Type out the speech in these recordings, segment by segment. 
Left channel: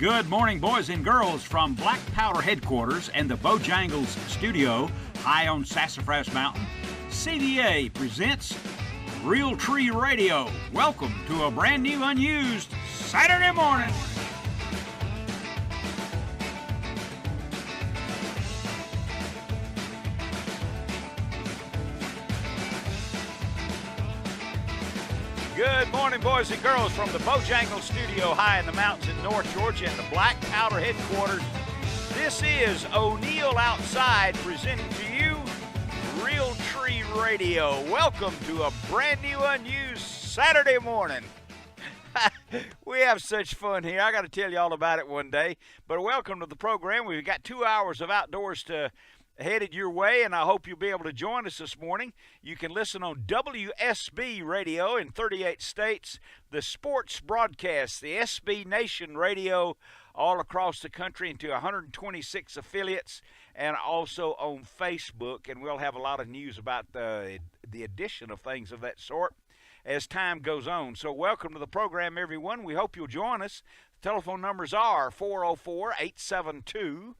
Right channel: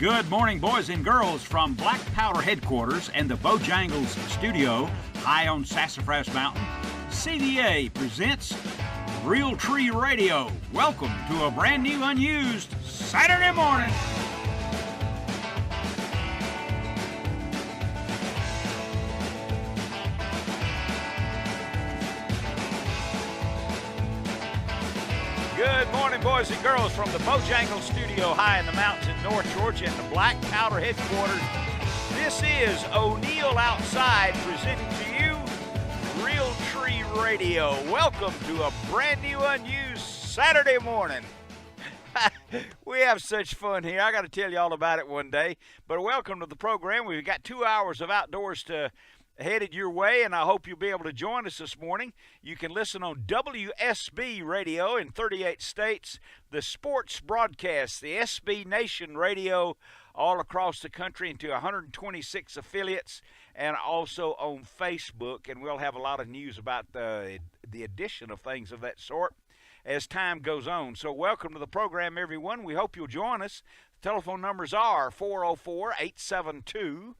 Good morning, boys and girls, from Black Powder headquarters and the Bojangles studio high on Sassafras Mountain. CDA presents Real Tree Radio. Welcome to a brand new, unused Saturday morning. Good morning, boys and girls, from the Bojangles studio high in the mountains in North Georgia and the Black Powder headquarters. This is O'Neill Outside presenting to you Real Tree Radio. Welcome to a brand new, unused Saturday morning. We have such fun here. I got to tell you all about it one day. But welcome to the program. We've got 2 hours of outdoors headed your way, and I hope you'll be able to join us this morning. You can listen on WSB Radio in 38 states, the sports broadcast, the SB Nation Radio all across the country into 126 affiliates, and also on Facebook. And we'll have a lot of news about the addition of things of that sort as time goes on. So welcome to the program, everyone. We hope you'll join us. The telephone numbers are 404-872-0750,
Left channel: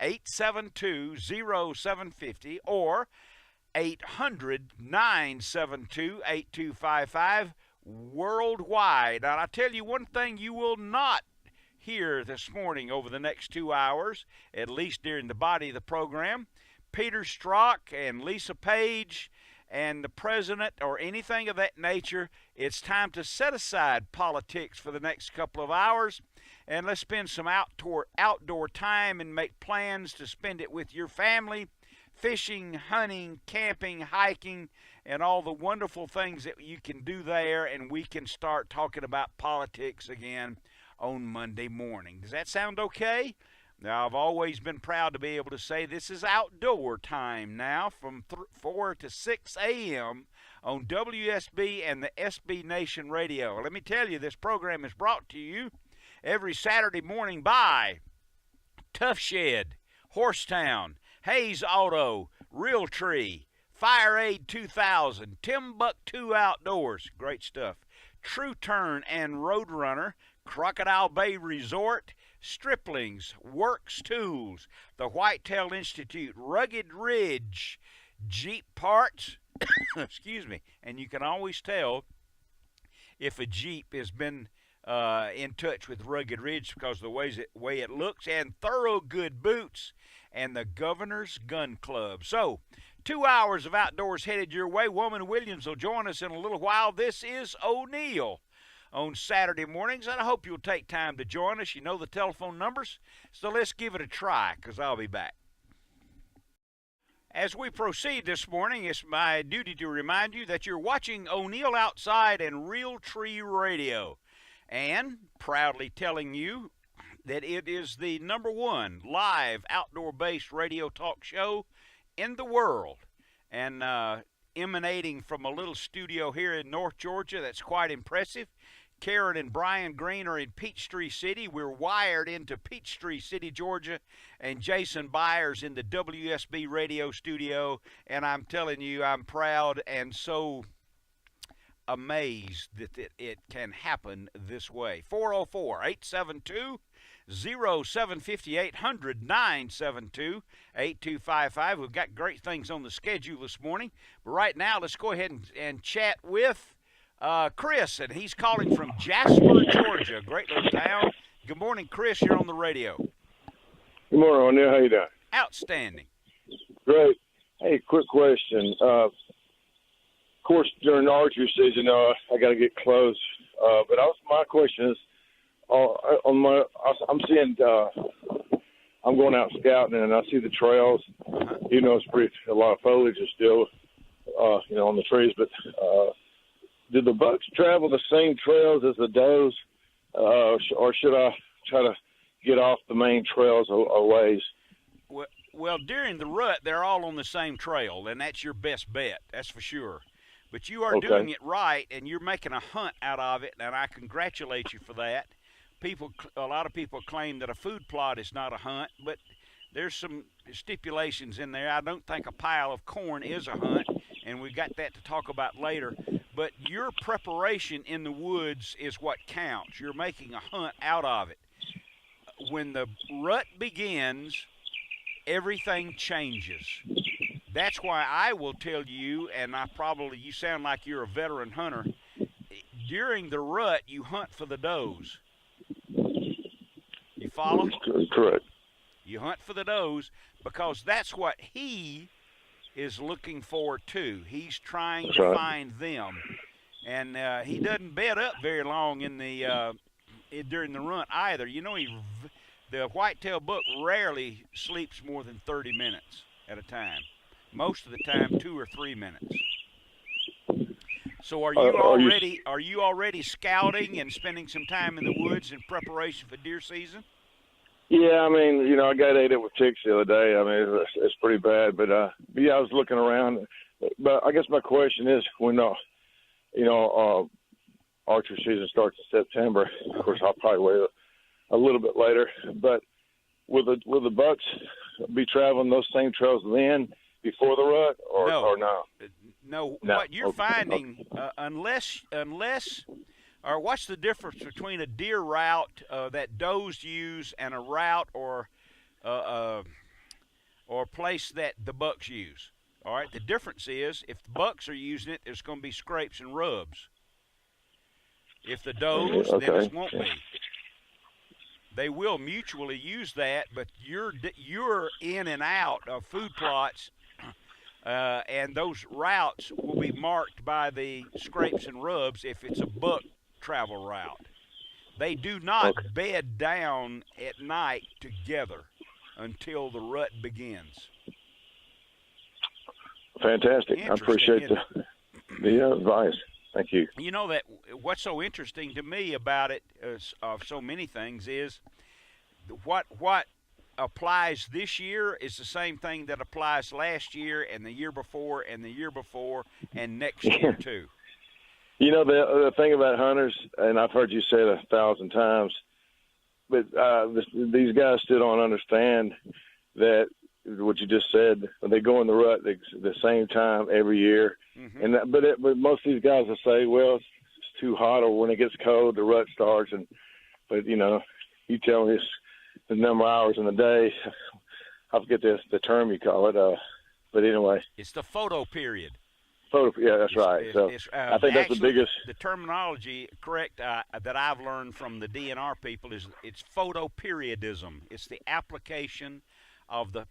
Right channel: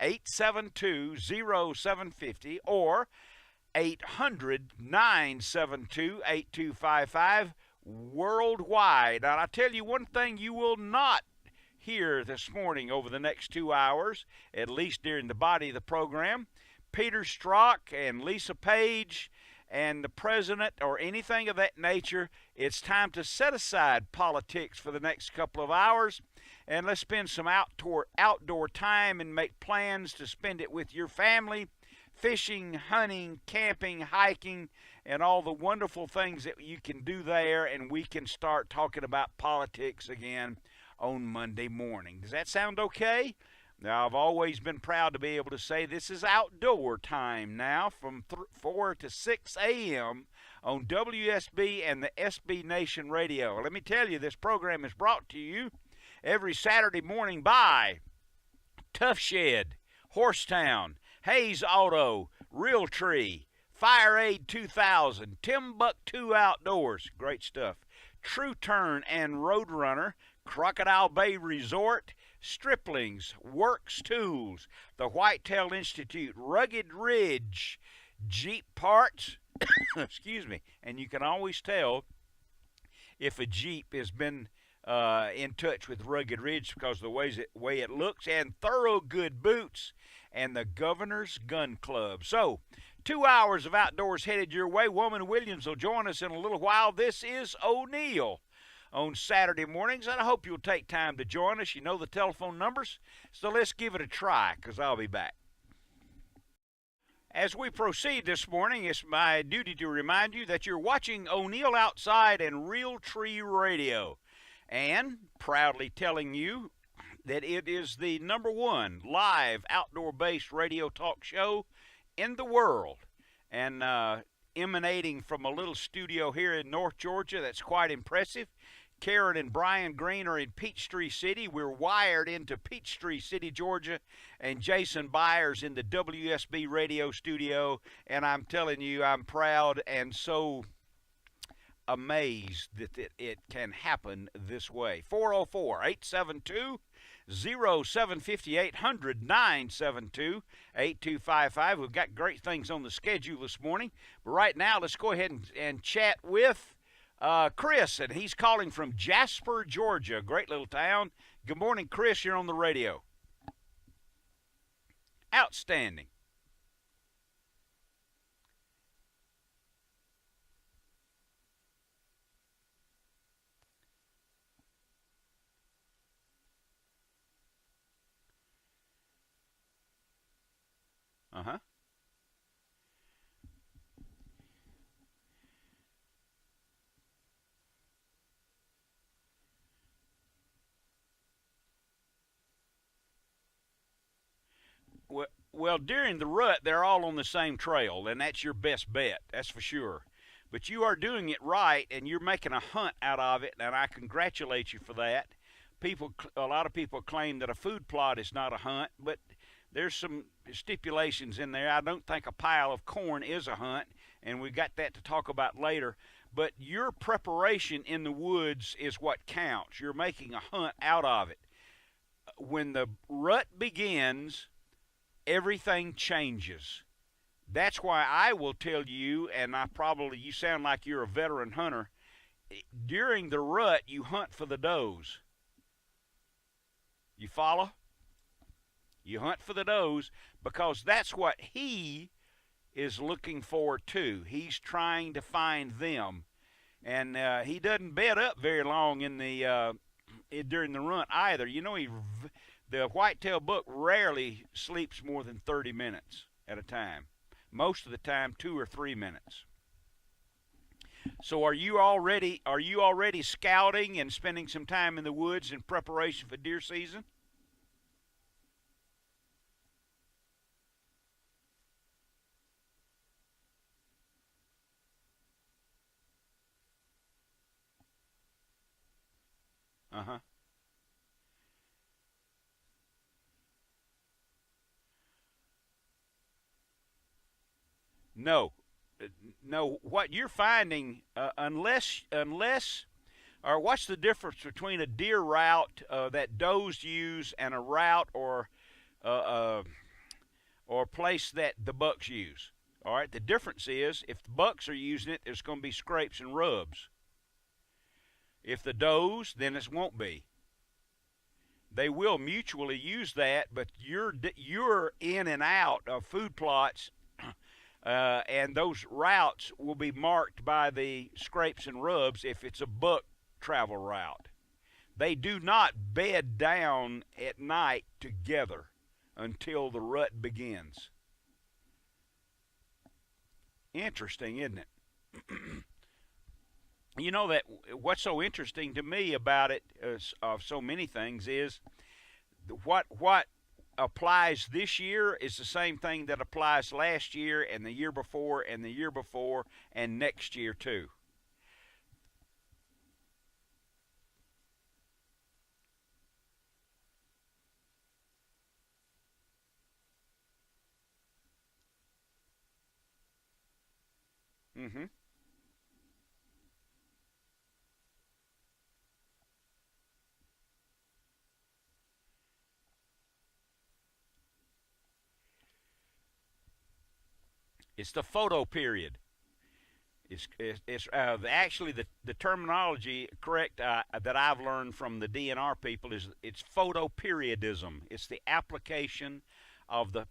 404-872-0750, or 800-972-8255 worldwide. And I tell you one thing you will not hear this morning over the next 2 hours, at least during the body of the program. Peter Strzok and Lisa Page and the president or anything of that nature. It's time to set aside politics for the next couple of hours, and let's spend some outdoor time and make plans to spend it with your family, fishing, hunting, camping, hiking, and all the wonderful things that you can do there, and we can start talking about politics again on Monday morning. Does that sound okay? Now, I've always been proud to be able to say this is outdoor time now from 4 to 6 a.m. on WSB and the SB Nation Radio. Let me tell you, this program is brought to you every Saturday morning by Tough Shed, Horsetown, Hayes Auto, Real Tree, Fire Aid 2000, Timbuktu Outdoors, great stuff, True Turn and Roadrunner, Crocodile Bay Resort, Striplings, Works Tools, the Whitetail Institute, Rugged Ridge, Jeep Parts, excuse me, and you can always tell if a Jeep has been in touch with Rugged Ridge because of the way it looks, and Thorogood Boots, and the Governor's Gun Club. So, 2 hours of outdoors headed your way. Woman Williams will join us in a little while. This is O'Neill on Saturday mornings, and I hope you'll take time to join us. You know the telephone numbers, so let's give it a try, because I'll be back. As we proceed this morning, it's my duty to remind you that you're watching O'Neill Outside and Real Tree Radio, and proudly telling you that it is the #1 live outdoor-based radio talk show in the world, and emanating from a little studio here in North Georgia that's quite impressive. Karen and Brian Green are in Peachtree City. We're wired into Peachtree City, Georgia, and Jason Byers in the WSB radio studio. And I'm telling you, I'm proud and so amazed that it can happen this way. 404-872-0750, 800-972-8255. We've got great things on the schedule this morning. But right now, let's go ahead and chat with Chris, and he's calling from Jasper, Georgia, great little town. Good morning, Chris. You're on the radio. Good morning, O'Neill. How you doing? Outstanding. Great. Hey, quick question. Of course, during the archery season, I got to get close. But my question is, I'm seeing, I'm going out scouting, and I see the trails. Uh-huh. You know, a lot of foliage is still, on the trees, but do the bucks travel the same trails as the does, or should I try to get off the main trails a ways? Well, during the rut, they're all on the same trail, and that's your best bet. That's for sure. But you are doing it right, and you're making a hunt out of it, and I congratulate you for that. A lot of people claim that a food plot is not a hunt, but there's some stipulations in there. I don't think a pile of corn is a hunt. and we got that to talk about later. But your preparation in the woods is what counts. You're making a hunt out of it. When the rut begins, everything changes. That's why I will tell you, and you sound like you're a veteran hunter, during the rut, you hunt for the does. You follow? Correct. You hunt for the does because that's what he is looking for too. He's trying to find them, and he doesn't bed up very long in the during the run either. You know, the whitetail buck rarely sleeps more than 30 minutes at a time. Most of the time, 2 or 3 minutes. So are you already scouting and spending some time in the woods in preparation for deer season? Yeah, I mean, you know, I got ate up with ticks the other day. I mean, it's pretty bad. But yeah, I was looking around. But I guess my question is, when archery season starts in September, of course, I'll probably wait a little bit later. But will the bucks be traveling those same trails then before the rut, or no? No. What you're finding, unless or what's the difference between a deer route that does use and a route or place that the bucks use? All right. The difference is if the bucks are using it, there's going to be scrapes and rubs. If the does, then it won't be. They will mutually use that, but you're in and out of food plots, and those routes will be marked by the scrapes and rubs if it's a buck travel route. They do not bed down at night together until the rut begins. Fantastic. I appreciate the advice. Thank you. You know that what's so interesting to me about it, of so many things, is what applies this year is the same thing that applies last year and the year before and the year before and next year too. You know, the thing about hunters, and I've heard you say it 1,000 times, but these guys still don't understand that what you just said. They go in the rut the same time every year, but most of these guys will say, well, it's too hot, or when it gets cold, the rut starts. But you know, you tell me the number of hours in the day. I forget the term you call it, but anyway, it's the photo period. Yeah, that's right. I think that's the biggest. The terminology, correct, that I've learned from the DNR people is it's photoperiodism. It's the application of the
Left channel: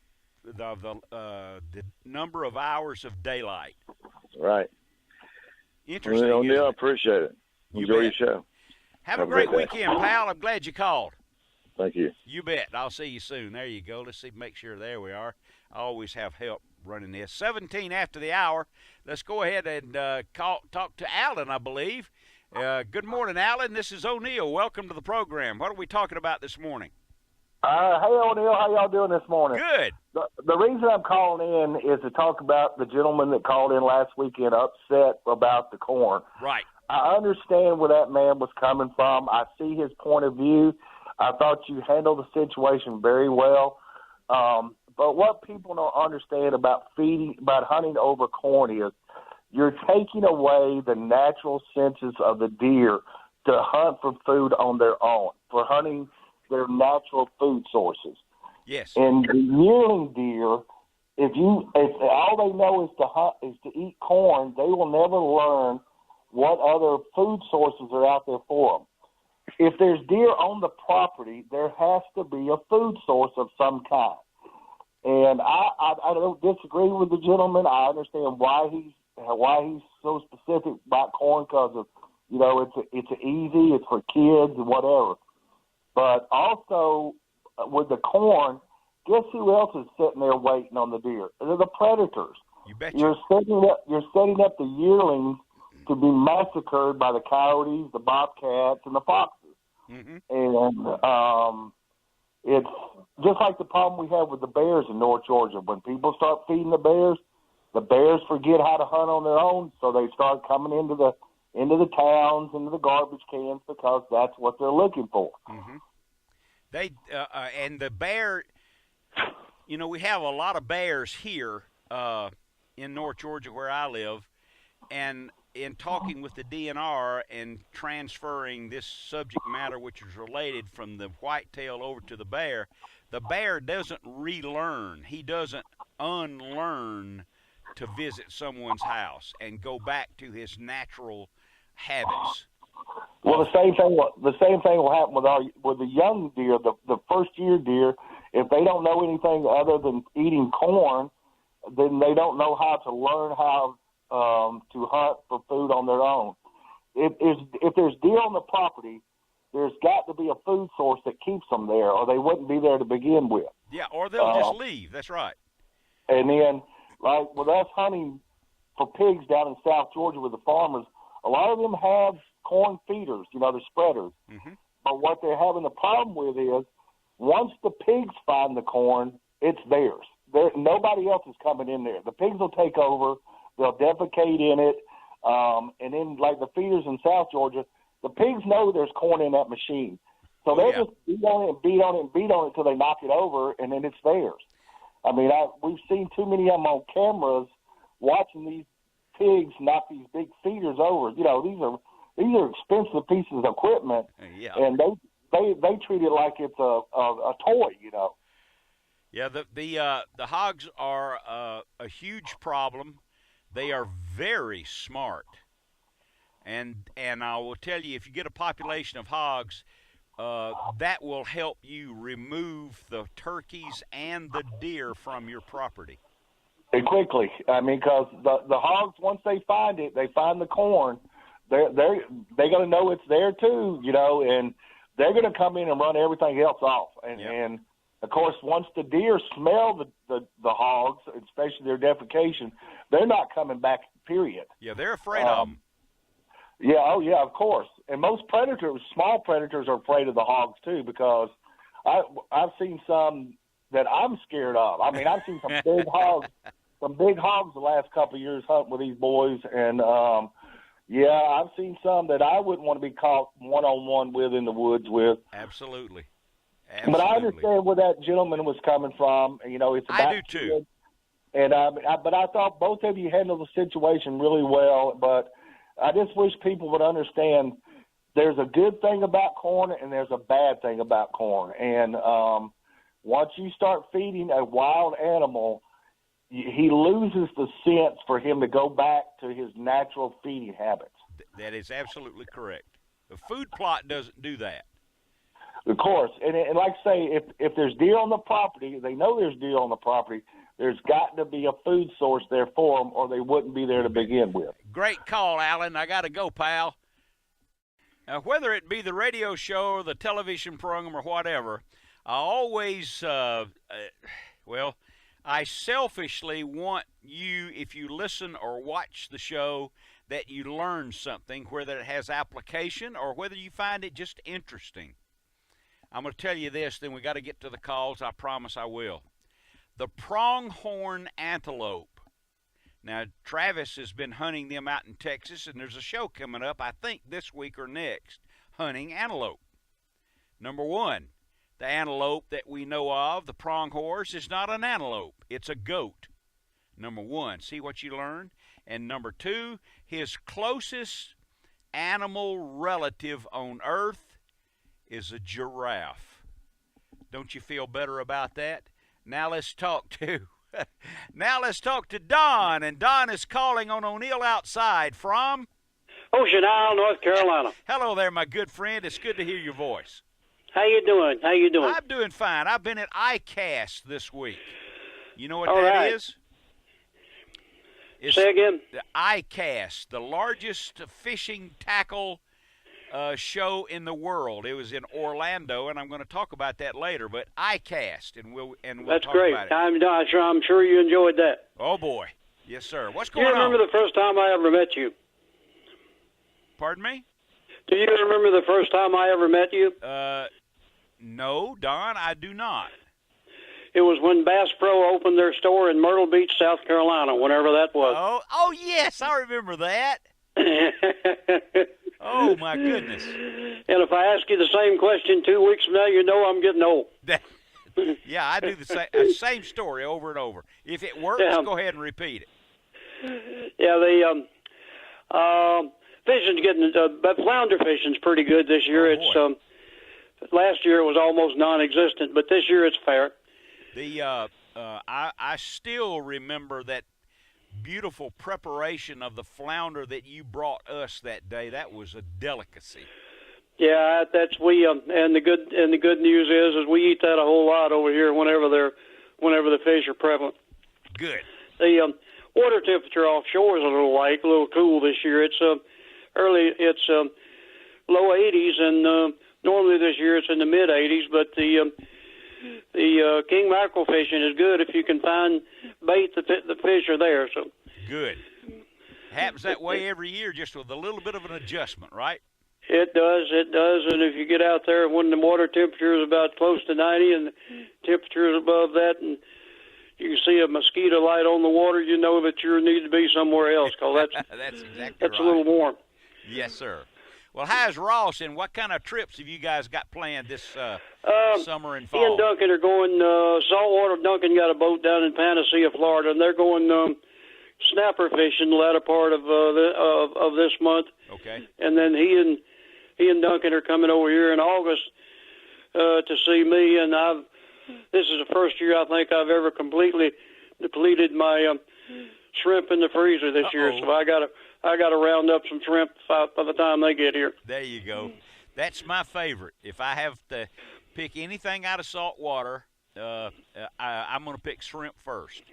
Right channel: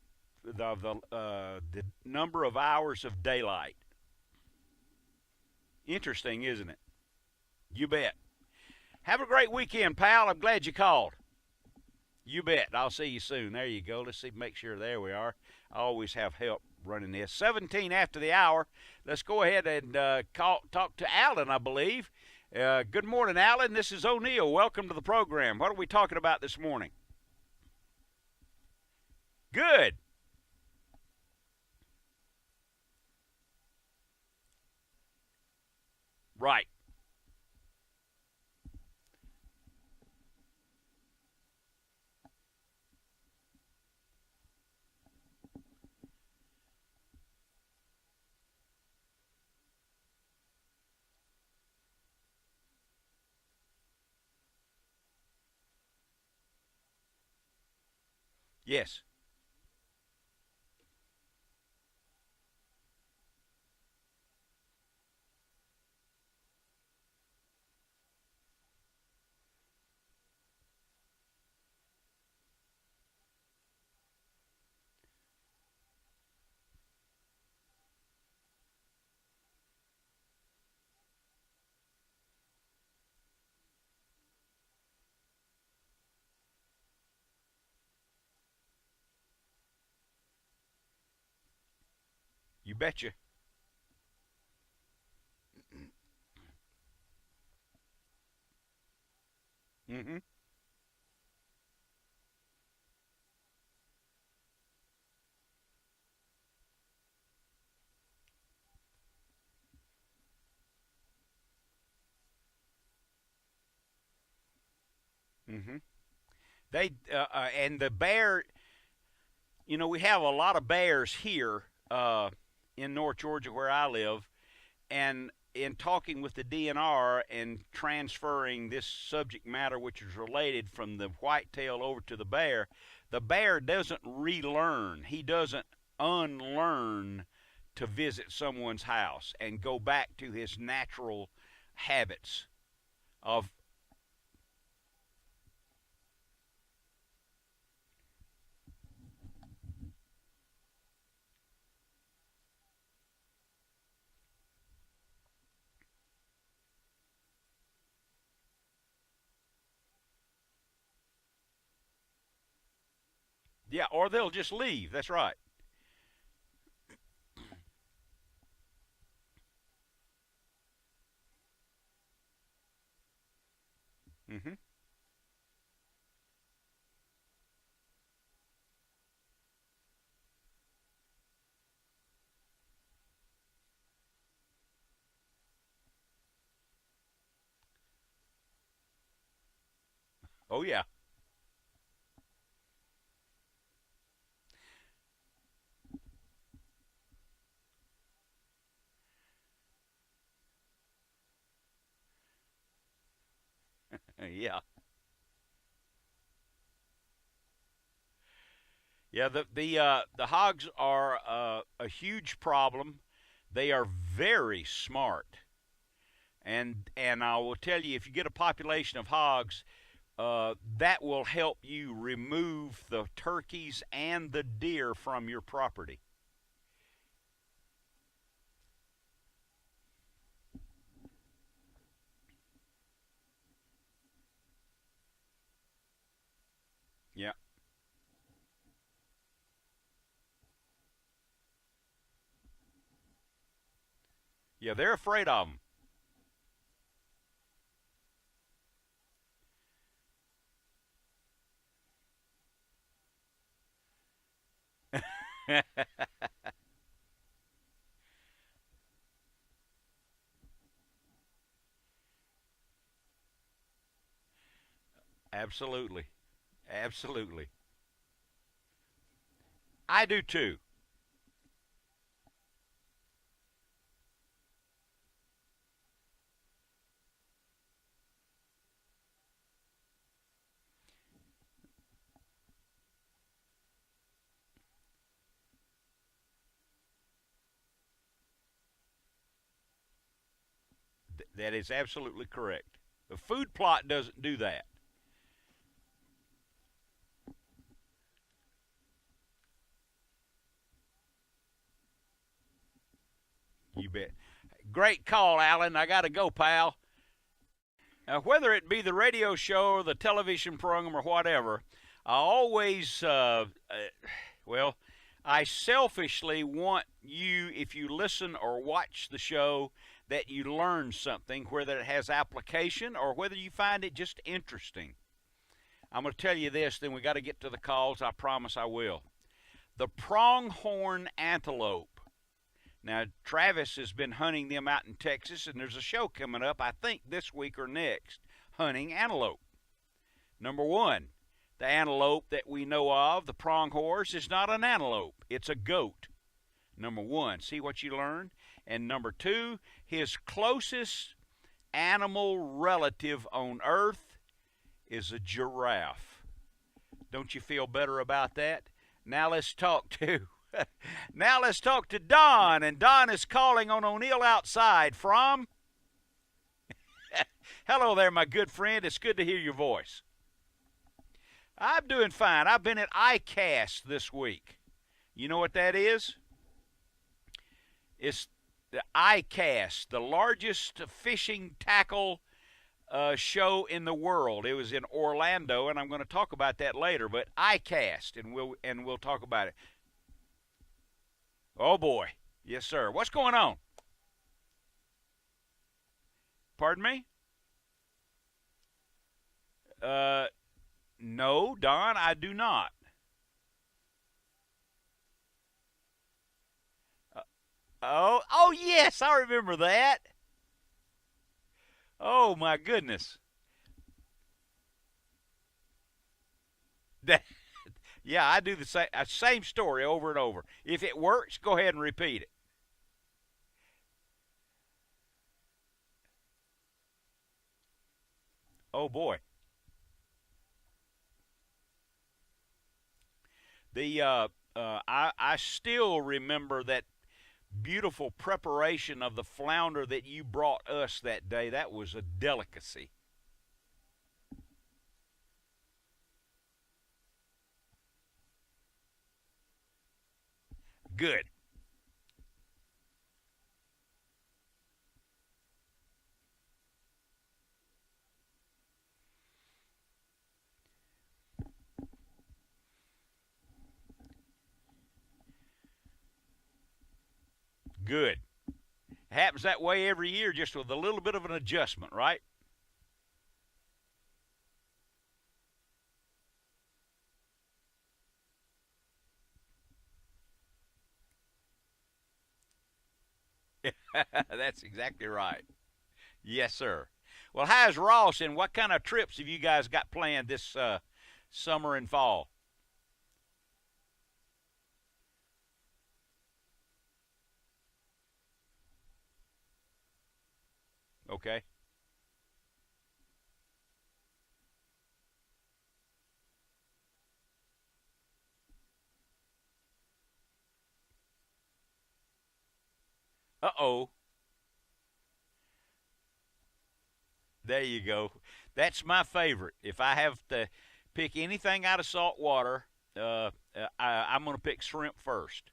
number of hours of daylight. Right. Interesting. Well, isn't it? I appreciate it. You Enjoy bet. your show. Have a great weekend, pal. I'm glad you called. Thank you. You bet. I'll see you soon. There you go. Let's make sure. There we are. I always have help running this. 17 after the hour. Let's go ahead and talk to Alan, I believe. Good morning, Alan. This is O'Neill. Welcome to the program. What are we talking about this morning? Hey, O'Neill. How y'all doing this morning? Good. The reason I'm calling in is to talk about the gentleman that called in last weekend upset about the corn. Right. I understand where that man was coming from. I see his point of view. I thought you handled the situation very well. But what people don't understand about hunting over corn is you're taking away the natural senses of the deer to hunt for food on their own, for hunting their natural food sources. Yes. And the yearling deer, if all they know is to hunt, is to eat corn, they will never learn what other food sources are out there for them. If there's deer on the property, there has to be a food source of some kind. And I don't disagree with the gentleman. I understand why he's so specific about corn, because of, you know, it's easy, it's for kids and whatever. But also with the corn, guess who else is sitting there waiting on the deer? They're the predators. You betcha. You're setting up the yearlings to be massacred by the coyotes, the bobcats, and the foxes. Mm-hmm. And it's just like the problem we have with the bears in North Georgia. When people start feeding the bears forget how to hunt on their own, so they start coming into the towns, into the garbage cans, because that's what they're looking for. Mm-hmm. And the bear, you know, we have a lot of bears here in North Georgia where I live, and in talking with the DNR and transferring this subject matter, which is related from the whitetail over to the bear doesn't relearn. He doesn't unlearn to visit someone's house and go back to his natural habits. Well, the same thing will happen with the young deer, the first year deer. If they don't know anything other than eating corn, then they don't know how to learn how to hunt for food on their own. If there's deer on the property, there's got to be a food source that keeps them there, or they wouldn't be there to begin with. Yeah, or they'll just leave. That's right. And then, like with us hunting for pigs down in South Georgia with the farmers, a lot of them have corn feeders, the spreaders. Mm-hmm. But what they're having a problem with is once the pigs find the corn, it's theirs. Nobody else is coming in there. The pigs will take over. They'll defecate in it. And then, like the feeders in South Georgia, the pigs know there's corn in that machine. So they'll just beat on it and beat on it and beat on it until they knock it over, and then it's theirs. I mean, we've seen too many of them on cameras watching these pigs knock these big feeders over. These are expensive pieces of equipment, and they treat it like it's a toy. Yeah, the hogs are a huge problem. They are very smart, and I will tell you, if you get a population of hogs, that will help you remove the turkeys and the deer from your property. And quickly, I mean, because the hogs, once they find it, they find the corn, they're going to know it's there too, and they're going to come in and run everything else off. And of course, once the deer smell the hogs, especially their defecation, they're not coming back, period. Yeah, they're afraid of them. Yeah, oh yeah, of course. And most predators, small predators, are afraid of the hogs too, because I've seen some that I'm scared of. I mean, I've seen some big hogs the last couple of years hunting with these boys, and I've seen some that I wouldn't want to be caught one-on-one with in the woods with. Absolutely. But I understand where that gentleman was coming from. It's I do too. And but I thought both of you handled the situation really well. But I just wish people would understand there's a good thing about corn and there's a bad thing about corn. And once you start feeding a wild animal, he loses the sense for him to go back to his natural feeding habits. That is absolutely correct. The food plot doesn't do that. Of course. And like I say, if there's deer on the property, they know there's deer on the property, there's got to be a food source there for them, or they wouldn't be there to begin with. Great call, Alan. I got to go, pal. Now, whether it be the radio show or the television program or whatever, I always, I selfishly want you, if you listen or watch the show, that you learn something, whether it has application or whether you find it just interesting. I'm going to tell you this, then we got to get to the calls. I promise I will. The pronghorn antelope. Now, Travis has been hunting them out in Texas, and there's a show coming up, I think this week or next, hunting antelope. Number one, the antelope that we know of, the pronghorn, is not an antelope. It's a goat. Number one, see what you learned? And number two, his closest animal relative on earth is a giraffe. Don't you feel better about that? Now let's talk to Don, and Don is calling on O'Neill Outside from Ocean Isle, North Carolina. Hello there, my good friend. It's good to hear your voice. How you doing? I'm doing fine. I've been at ICAST this week. You know what that is? It's Say again? The ICAST, the largest fishing tackle show in the world. It was in Orlando, and I'm going to talk about that later. But ICAST, and we'll That's talk great. about it. I'm sure you enjoyed that. Oh boy, yes sir. What's Do you going on? remember the first time I ever met you? Pardon me? Do you remember the first time I ever met you? No, Don, I do not. It was when Bass Pro opened their store in Myrtle Beach, South Carolina, whenever that was. Oh yes, I remember that. Oh my goodness. And if I ask you the same question 2 weeks from now, you know I'm getting old. Yeah, I do the same story over and over. If it works, go ahead and repeat it. Yeah, fishing's getting but flounder fishing's pretty good this year. Oh, boy. It's last year it was almost non-existent, but this year it's fair. I still remember that beautiful preparation of the flounder that you brought us that day. That was a delicacy. Yeah, and the good news is we eat that a whole lot over here whenever the fish are prevalent. Good. The water temperature offshore is a little cool this year. It's low 80s, and normally this year it's in the mid 80s. But the king mackerel fishing is good if you can find bait. The fish are there. So good. Happens that way every year, just with a little bit of an adjustment, right? It does. And if you get out there when the water temperature is about close to 90 and the temperature is above that, and you can see a mosquito light on the water, you know that you need to be somewhere else, because that's exactly right. That's a little warm. Yes, sir. Well, how's Ross, and what kind of trips have you guys got planned this summer and fall? He and Duncan are going saltwater. Duncan got a boat down in Panacea, Florida, and they're going snapper fishing the latter part of this month. Okay. And then he and Duncan are coming over here in August to see me, and this is the first year I think I've ever completely depleted my shrimp in the freezer this year. So I got to round up some shrimp by the time they get here. There you go. That's my favorite. If I have to pick anything out of salt water, I'm going to pick shrimp first.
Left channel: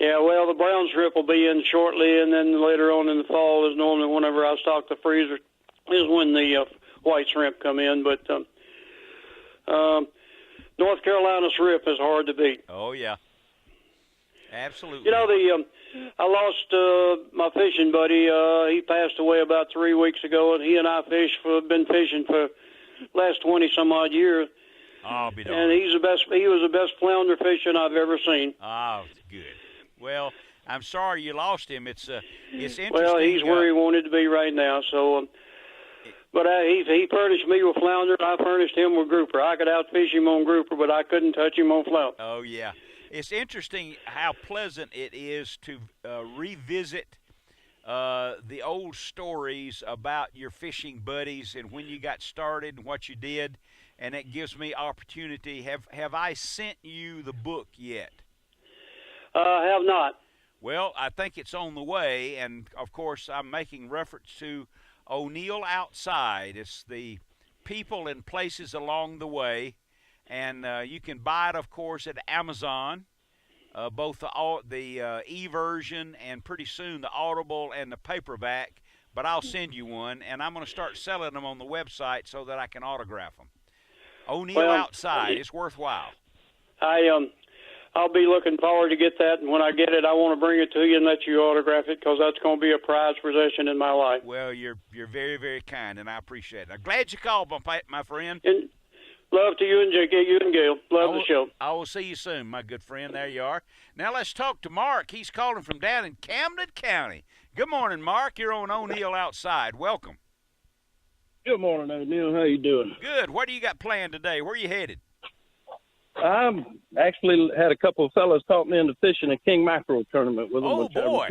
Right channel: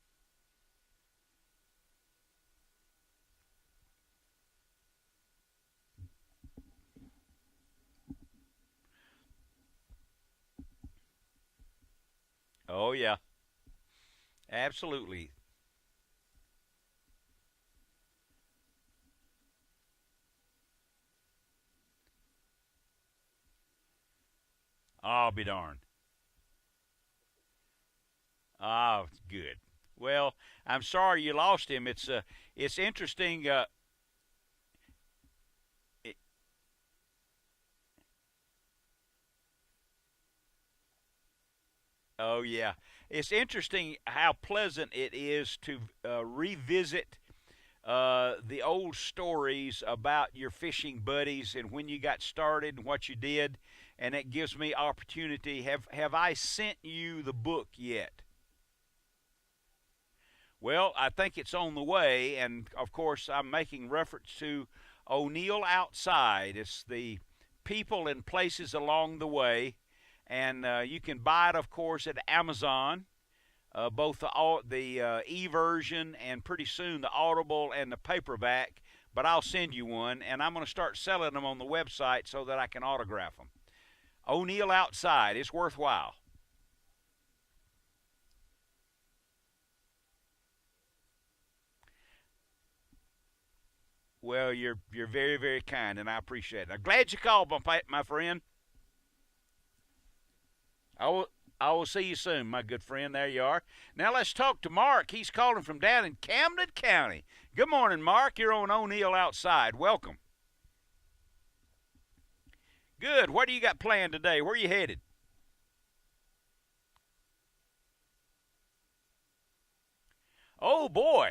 Yeah, well, the brown shrimp will be in shortly, and then later on in the fall is normally whenever I stock the freezer is when the white shrimp come in. But North Carolina shrimp is hard to beat. Oh, yeah. Absolutely. You know, I lost my fishing buddy. He passed away about 3 weeks ago, and he and I been fishing for the last 20-some-odd years. I'll be darned. And he was the best flounder fishing I've ever seen. Oh, good. Well, I'm sorry you lost him. It's interesting. Well, he's where he wanted to be right now. So, but he furnished me with flounder. I furnished him with grouper. I could outfish him on grouper, but I couldn't touch him on flounder. Oh yeah, it's interesting how pleasant it is to revisit the old stories about your fishing buddies and when you got started and what you did, and it gives me opportunity. Have I sent you the book yet? I have not. Well, I think it's on the way, and of course I'm making reference to O'Neill Outside. It's the people and places along the way, and you can buy it, of course, at Amazon, both the e-version and pretty soon the Audible and the paperback, but I'll send you one, and I'm going to start selling them on the website so that I can autograph them. O'Neill Outside. It's worthwhile. I'll be looking forward to get that, and when I get it, I want to bring it to you and let you autograph it, because that's going to be a prized possession in my life. Well, you're very, very kind, and I appreciate it. I'm glad you called, my friend. And love to you and you and Gail. Love the show. I will see you soon, my good friend. There you are. Now let's talk to Mark. He's calling from down in Camden County. Good morning, Mark. You're on O'Neill Outside. Welcome. Good morning, O'Neill. How you doing? Good. What do you got planned today? Where are you headed? I'm actually had a couple of fellas talk me into fishing a king mackerel tournament with them. Oh, boy.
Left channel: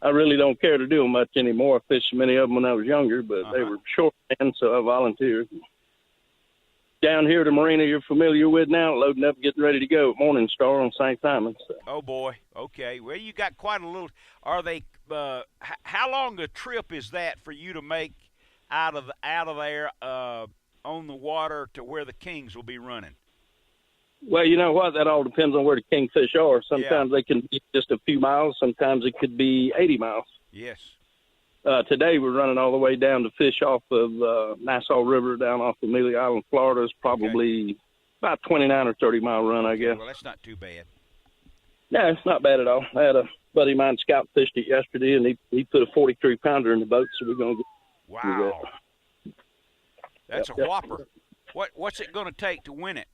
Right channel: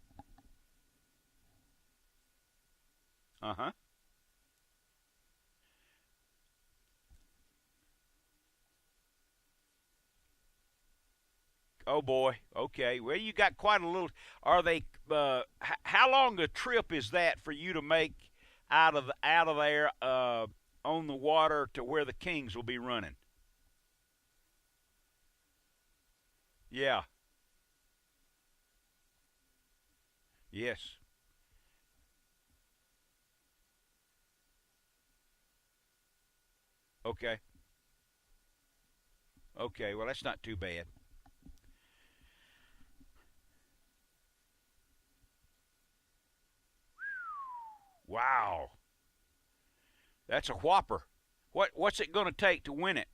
I really don't care to do them much anymore. I fished many of them when I was younger, but they were short men, so I volunteered. Down here at the marina you're familiar with now, loading up, getting ready to go at Morning Star on St. Simon. So. Oh, boy. Okay. Well, you got quite a little. Are they? How long a trip is that for you to make out of there on the water to where the kings will be running? Well, you know what? That all depends on where the kingfish are. Sometimes they can be just a few miles. Sometimes it could be 80 miles. Yes. Today we're running all the way down to fish off of Nassau River down off Amelia Island, Florida. It's probably about 29 or 30-mile run, I guess. Well, that's not too bad. No, it's not bad at all. I had a buddy of mine scout fished it yesterday, and he put a 43-pounder in the boat, so we're going to get Wow. That's a whopper. What's it going to take to win it?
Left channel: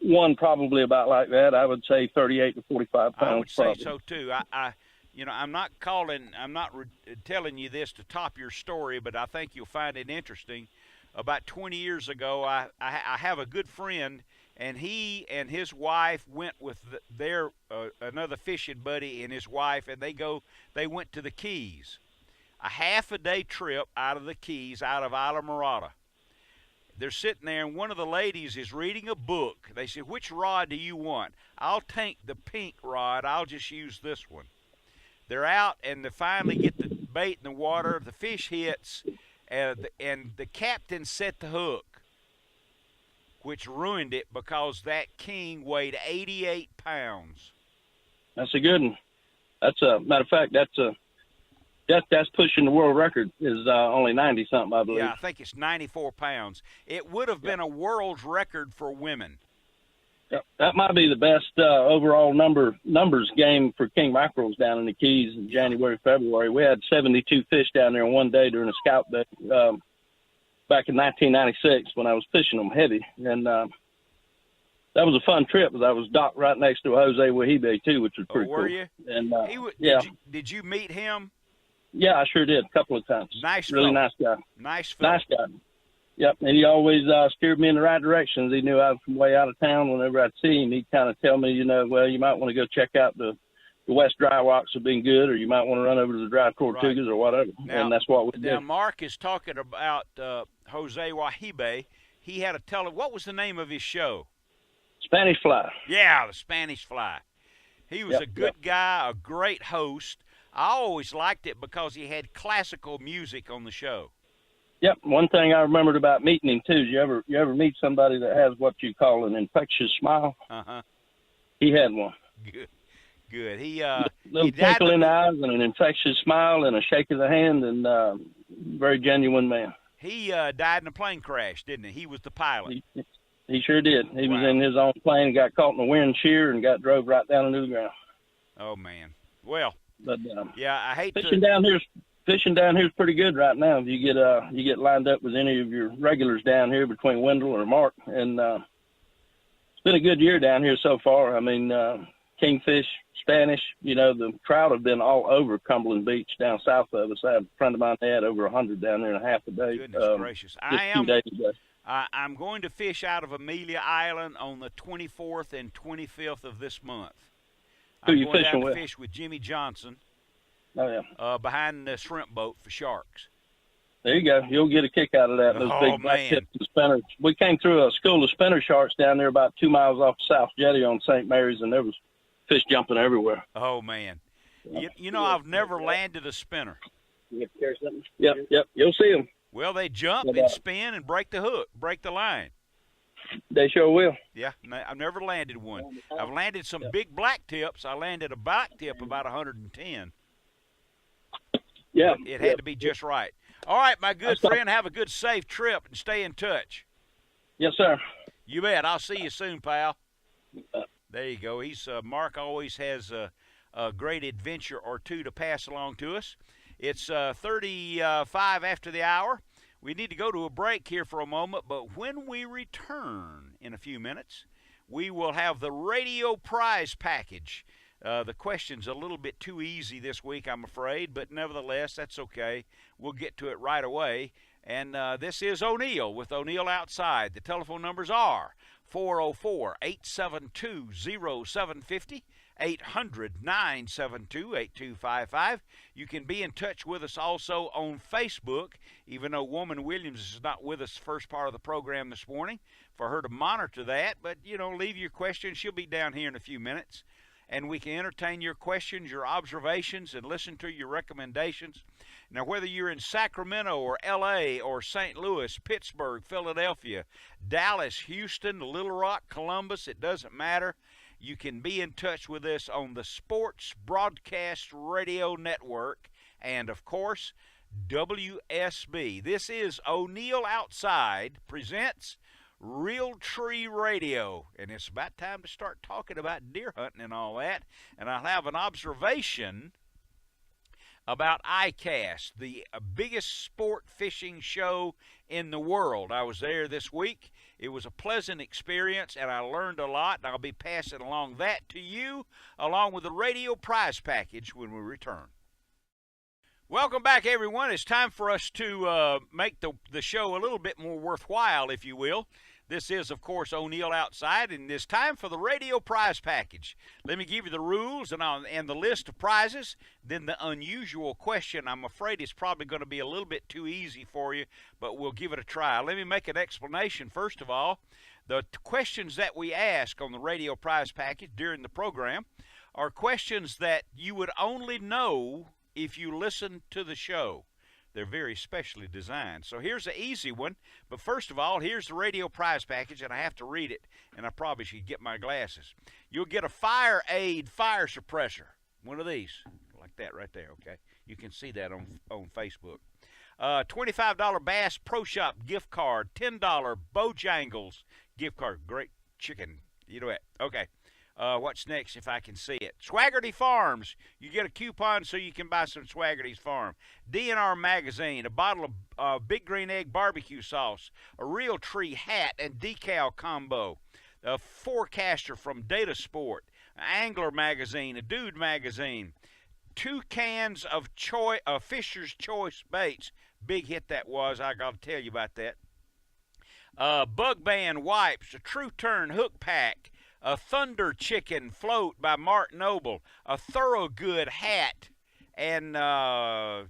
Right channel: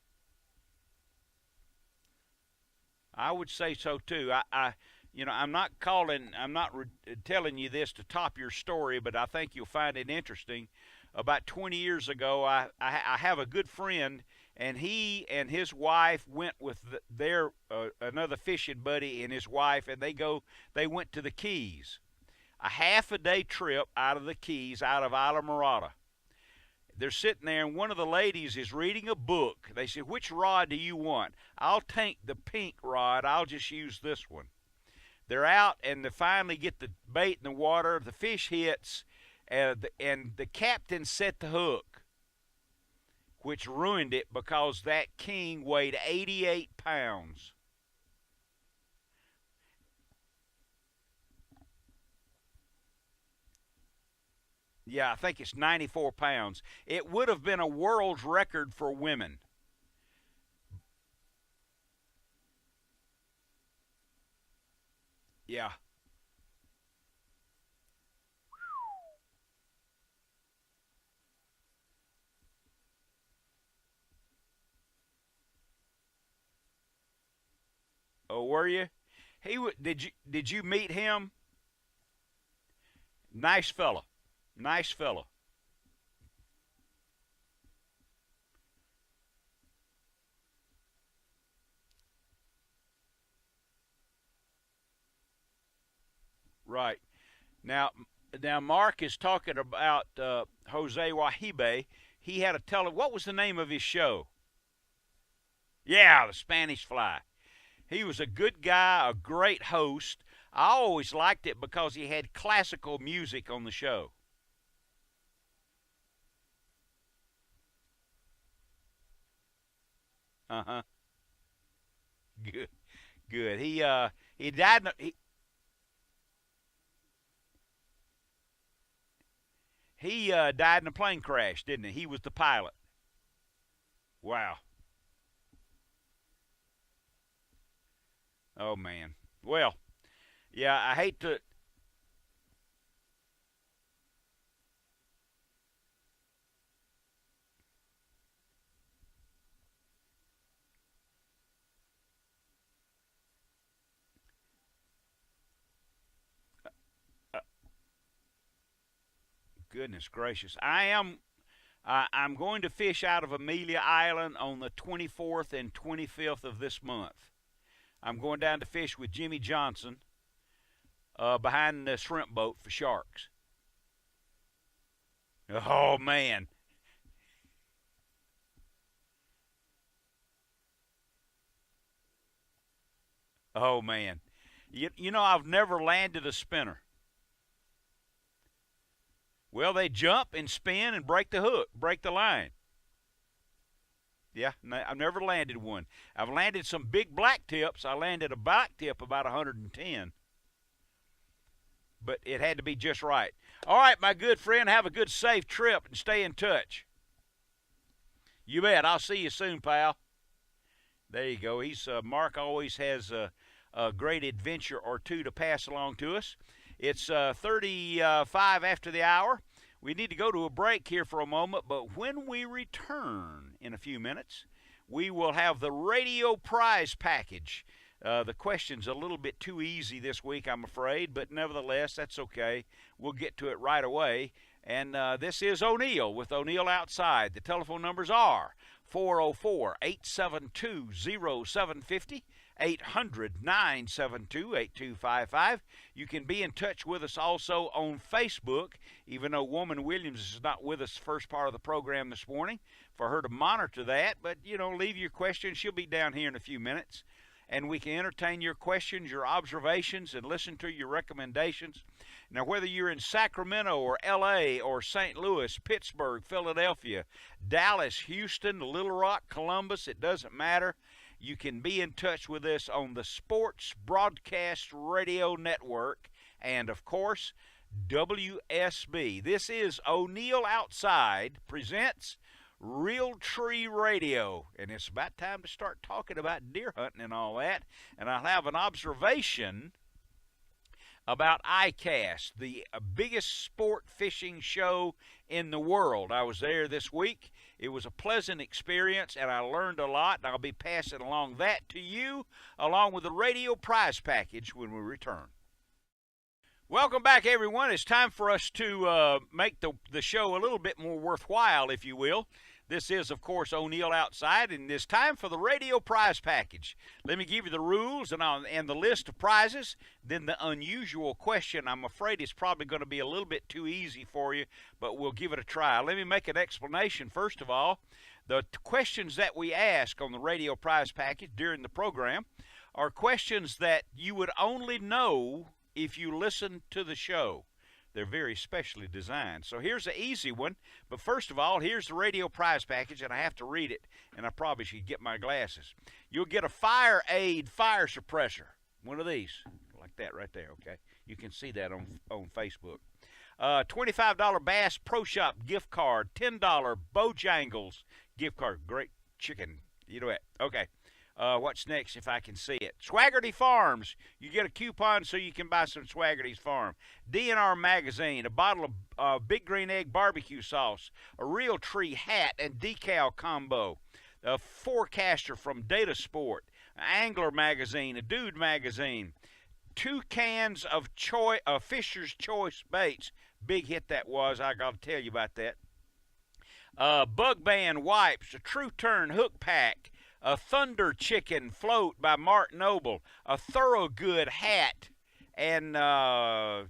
One probably about like that. I would say 38 to 45 pounds. I would say so too. I'm not telling you this to top your story, but I think you'll find it interesting. About 20 years ago, I have a good friend, and he and his wife went with their another fishing buddy and his wife, and they went to the Keys. A half-a-day trip out of the Keys, out of Isla Morada. They're sitting there, and one of the ladies is reading a book. They said, "Which rod do you want?" "I'll take the pink rod. I'll just use this one." They're out, and they finally get the bait in the water. The fish hits, and the captain set the hook, which ruined it because that king weighed 88 pounds. That's a good one. That's a matter of fact. That's pushing the world record. Is only 90-something, I believe. Yeah, I think it's 94 pounds. It would have been a world record for women. That might be the best overall numbers game for king mackerels down in the Keys in January, February. We had 72 fish down there in one day during a scout day back in 1996 when I was fishing them heavy. And that was a fun trip because I was docked right next to Jose Wahibe, too, which was pretty cool. Oh, were you? And, Did you meet him? Yeah, I sure did a couple of times. Nice really fellow. Nice guy. Nice fellow. Nice guy. Yep, and he always steered me in the right directions. He knew I was from way out of town. Whenever I'd see him, he'd kind of tell me, well, you might want to go check out the West Dry Rocks have been good, or you might want to run over to the Dry Tortugas or whatever. Now, and that's what we did. Now, Mark is talking about Jose Wahibe. He had what was the name of his show? Spanish Fly. Yeah, the Spanish Fly. He was a good guy, a great host. I always liked it because he had classical music on the show. Yep. One thing I remembered about meeting him too is you ever meet somebody that has what you call an infectious smile? Uh-huh. He had one. Good. He little twinkle in the eyes and an infectious smile and a shake of the hand, and very genuine man. He died in a plane crash, didn't he? He was the pilot. He sure did. He Wow. was in his own plane, got caught in a wind shear, and got drove right down into the ground. Oh man. Well. But yeah, I hate fishing down here's pretty good right now. You get lined up with any of your regulars down here between Wendell or Mark, and it's been a good year down here so far. I mean, kingfish, Spanish, the trout have been all over Cumberland Beach down south of us. I had a friend of mine that had over 100 down there in a half a day. Goodness gracious. I'm going to fish out of Amelia Island on the 24th and 25th of this month. I'm going down to fish with Jimmy Johnson. Oh, yeah. Behind the shrimp boat for sharks. There you go. You'll get a kick out of that. Those big man. Spinners. We came through a school of spinner sharks down there about 2 miles off South Jetty on St. Mary's, and there was fish jumping everywhere. Oh, man. I've never landed a spinner. Yep. You'll see them. Well, they jump and spin and break the hook, break the line. They sure will. Yeah, I've never landed one. I've landed some big black tips. I landed a black tip about 110. Yeah. But it had to be just right. All right, my good friend, have a good, safe trip and stay in touch. Yes, sir. You bet. I'll see you soon, pal. There you go. Mark always has a great adventure or two to pass along to us. It's 35 after the hour. We need to go to a break here for a moment, but when we return in a few minutes, we will have the radio prize package. The question's a little bit too easy this week, I'm afraid, but nevertheless, that's okay. We'll get to it right away. And this is O'Neill with O'Neill Outside. The telephone numbers are 404-872-0750, 800-972-8255. You can be in touch with us also on Facebook, even though Woman Williams is not with us the first part of the program this morning, for her to monitor that. But, leave your questions. She'll be down here in a few minutes, and we can entertain your questions, your observations, and listen to your recommendations. Now, whether you're in Sacramento or L.A. or St. Louis, Pittsburgh, Philadelphia, Dallas, Houston, Little Rock, Columbus, it doesn't matter. You can be in touch with us on the Sports Broadcast Radio Network and, of course, WSB. This is O'Neill Outside presents Real Tree Radio, and it's about time to start talking about deer hunting and all that. And I'll have an observation about ICAST, the biggest sport fishing show in the world. I was there this week. It was a pleasant experience, and I learned a lot, and I'll be passing along that to you, along with the radio prize package when we return. Welcome back, everyone. It's time for us to make the show a little bit more worthwhile, if you will. This is, of course, O'Neill Outside, and it's time for the radio prize package. Let me give you the rules and the list of prizes. Then the unusual question. I'm afraid it's probably going to be a little bit too easy for you, but we'll give it a try. Let me make an explanation. First of all, the questions that we ask on the radio prize package during the program are questions that you would only know if you listen to the show. They're very specially designed. So here's an easy one. But first of all, here's the radio prize package, and I have to read it, and I probably should get my glasses. You'll get a Fire Aid fire suppressor, one of these, like that right there, okay? You can see that on Facebook. $25 Bass Pro Shop gift card, $10 Bojangles gift card. Great chicken. You know it. Okay. What's next if I can see it? Swaggerty Farms. You get a coupon so you can buy some Swaggerty's Farm. DNR Magazine, a bottle of Big Green Egg barbecue sauce, a Real Tree hat and decal combo, a Forecaster from Data Sport, an Angler Magazine, a Dude Magazine, 2 cans of Fisher's Choice baits. Big hit that was. I got to tell you about that. Bug Band wipes, a True Turn hook pack, a Thunder Chicken float by Mark Noble, a Thorogood hat, and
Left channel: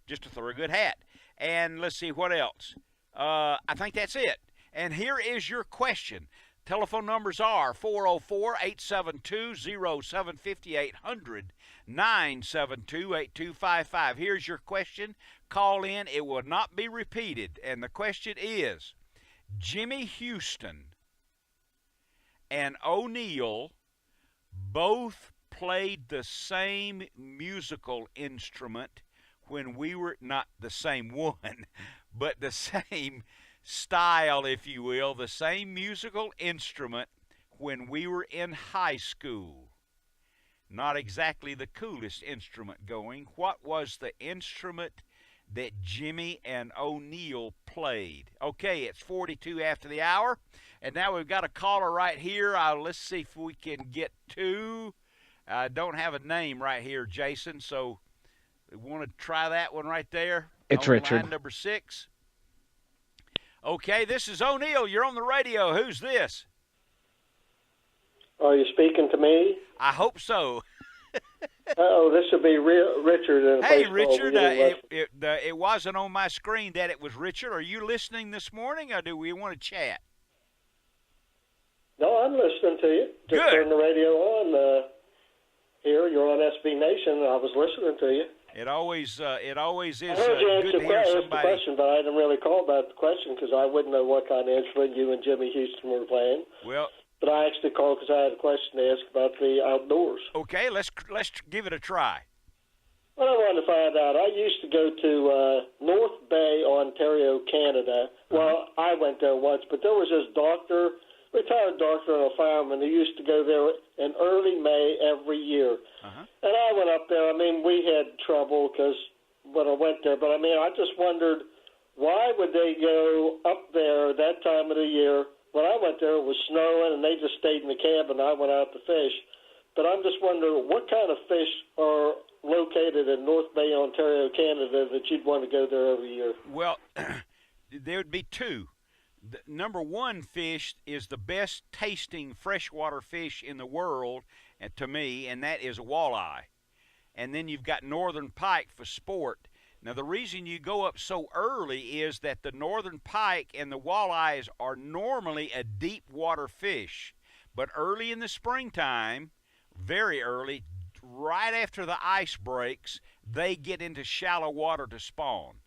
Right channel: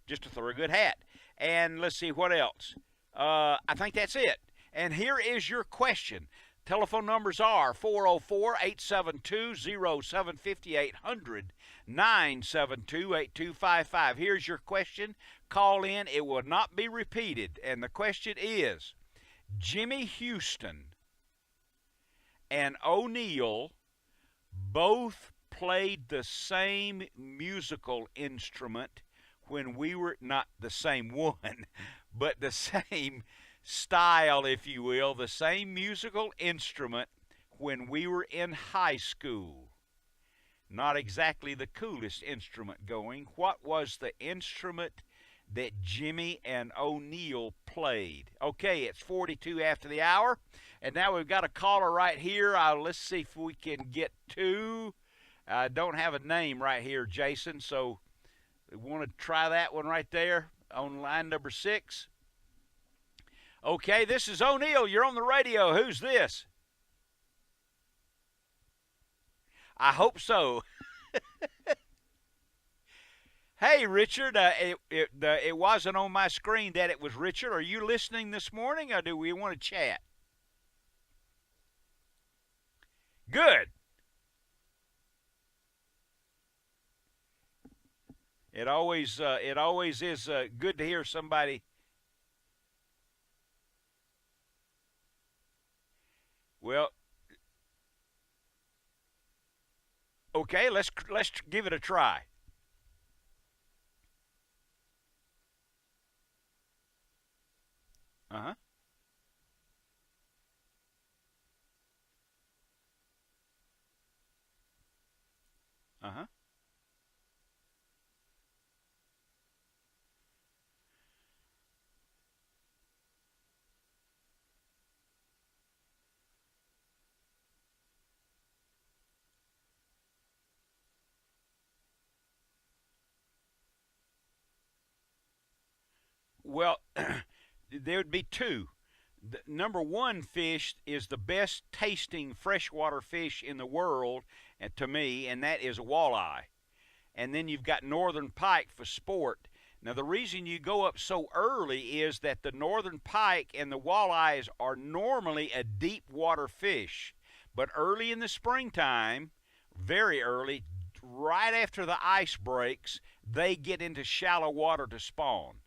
just a Thorogood hat. And let's see what else. I think that's it. And here is your question. Telephone numbers are 404-872-0750, 800-972-8255. Here's your question. Call in. It will not be repeated. And the question is, Jimmy Houston and O'Neill both played the same musical instrument when we were, not the same one, but the same style, if you will, the same musical instrument when we were in high school. Not exactly the coolest instrument going. What was the instrument that Jimmy and O'Neill played? Okay, it's 42 after the hour, and now we've got a caller right here. Let's see if we can get to. I don't have a name right here, Jason, so we want to try that one right there. It's on Richard. Line number 6. Okay, this is O'Neill. You're on the radio. Who's this? Are you speaking to me? I hope so. Oh, this will be Richard. Hey, Richard. It wasn't on my screen that it was Richard. Are you listening this morning, or do we want to chat? No, I'm listening to you. Just Good. turn the radio on. Here, you're on SB Nation. I was listening to you. It always is I heard you good to hear answer the somebody. question, but I didn't really call about the question because I wouldn't know what kind of instrument you and Jimmy Houston were playing. Well, But I actually called because I had a question to ask about the outdoors. okay, let's give it a try. What I wanted to find out, I used to go to North Bay, Ontario, Canada. Well, I went there once, but there was this retired doctor and a fireman who used to go there in early May every year. And I went up there. I mean, we had trouble because when I went there, but I mean, I just wondered, why would they go up there that time of the year? When I went there, it was snowing, and they just stayed in the cabin. I went out to fish. But I'm just wondering, what kind of fish are located in North Bay, Ontario, Canada, that you'd want to go there every year? Well, there would be two. The number one fish is the best tasting freshwater fish in the world, to me, and that is a walleye. And then you've got northern pike for sport. Now, the reason you go up so early is that the northern pike and the walleyes are normally a deep water fish. But early in the springtime, very early, right after the ice breaks, they get into shallow water to spawn.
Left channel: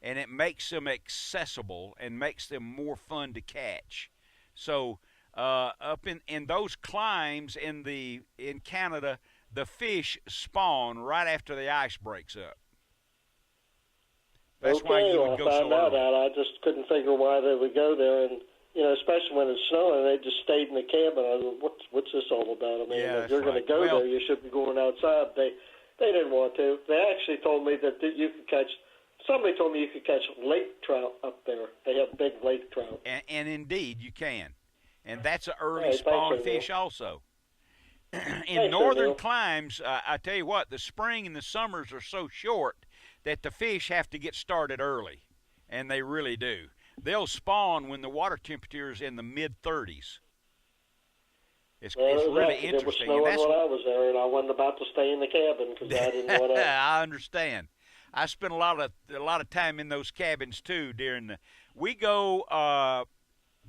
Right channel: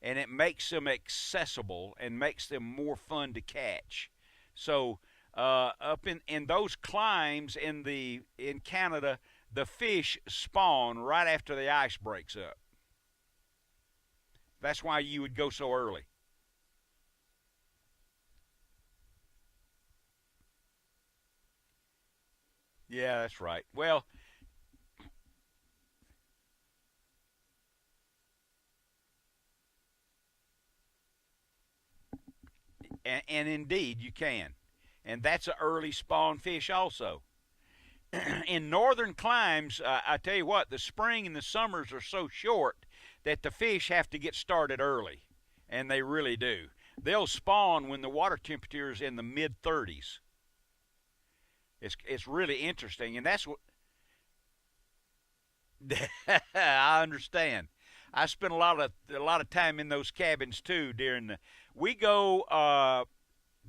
And it makes them accessible and makes them more fun to catch. So up in those climes in Canada, the fish spawn right after the ice breaks up. That's why you would go so early. I just couldn't figure why they would go there, and especially when it's snowing, they just stayed in the cabin. I was, what's this all about? I mean, Yeah, if you're that's right. going to go there, you should be going outside. They didn't want to. They actually told me that you could catch. Somebody told me you could catch lake trout up there. They have big lake trout. And indeed, you can. And that's an early Hey, spawn thank you, fish also. in northern climes, I tell you what, the spring and the summers are so short that the fish have to get started early, and they really do. They'll spawn when the water temperature is in the mid-30s. It's really interesting. It was snowing when I was there, and I wasn't about to stay in the cabin because I didn't know what I understand. I spent a lot of time in those cabins too. We go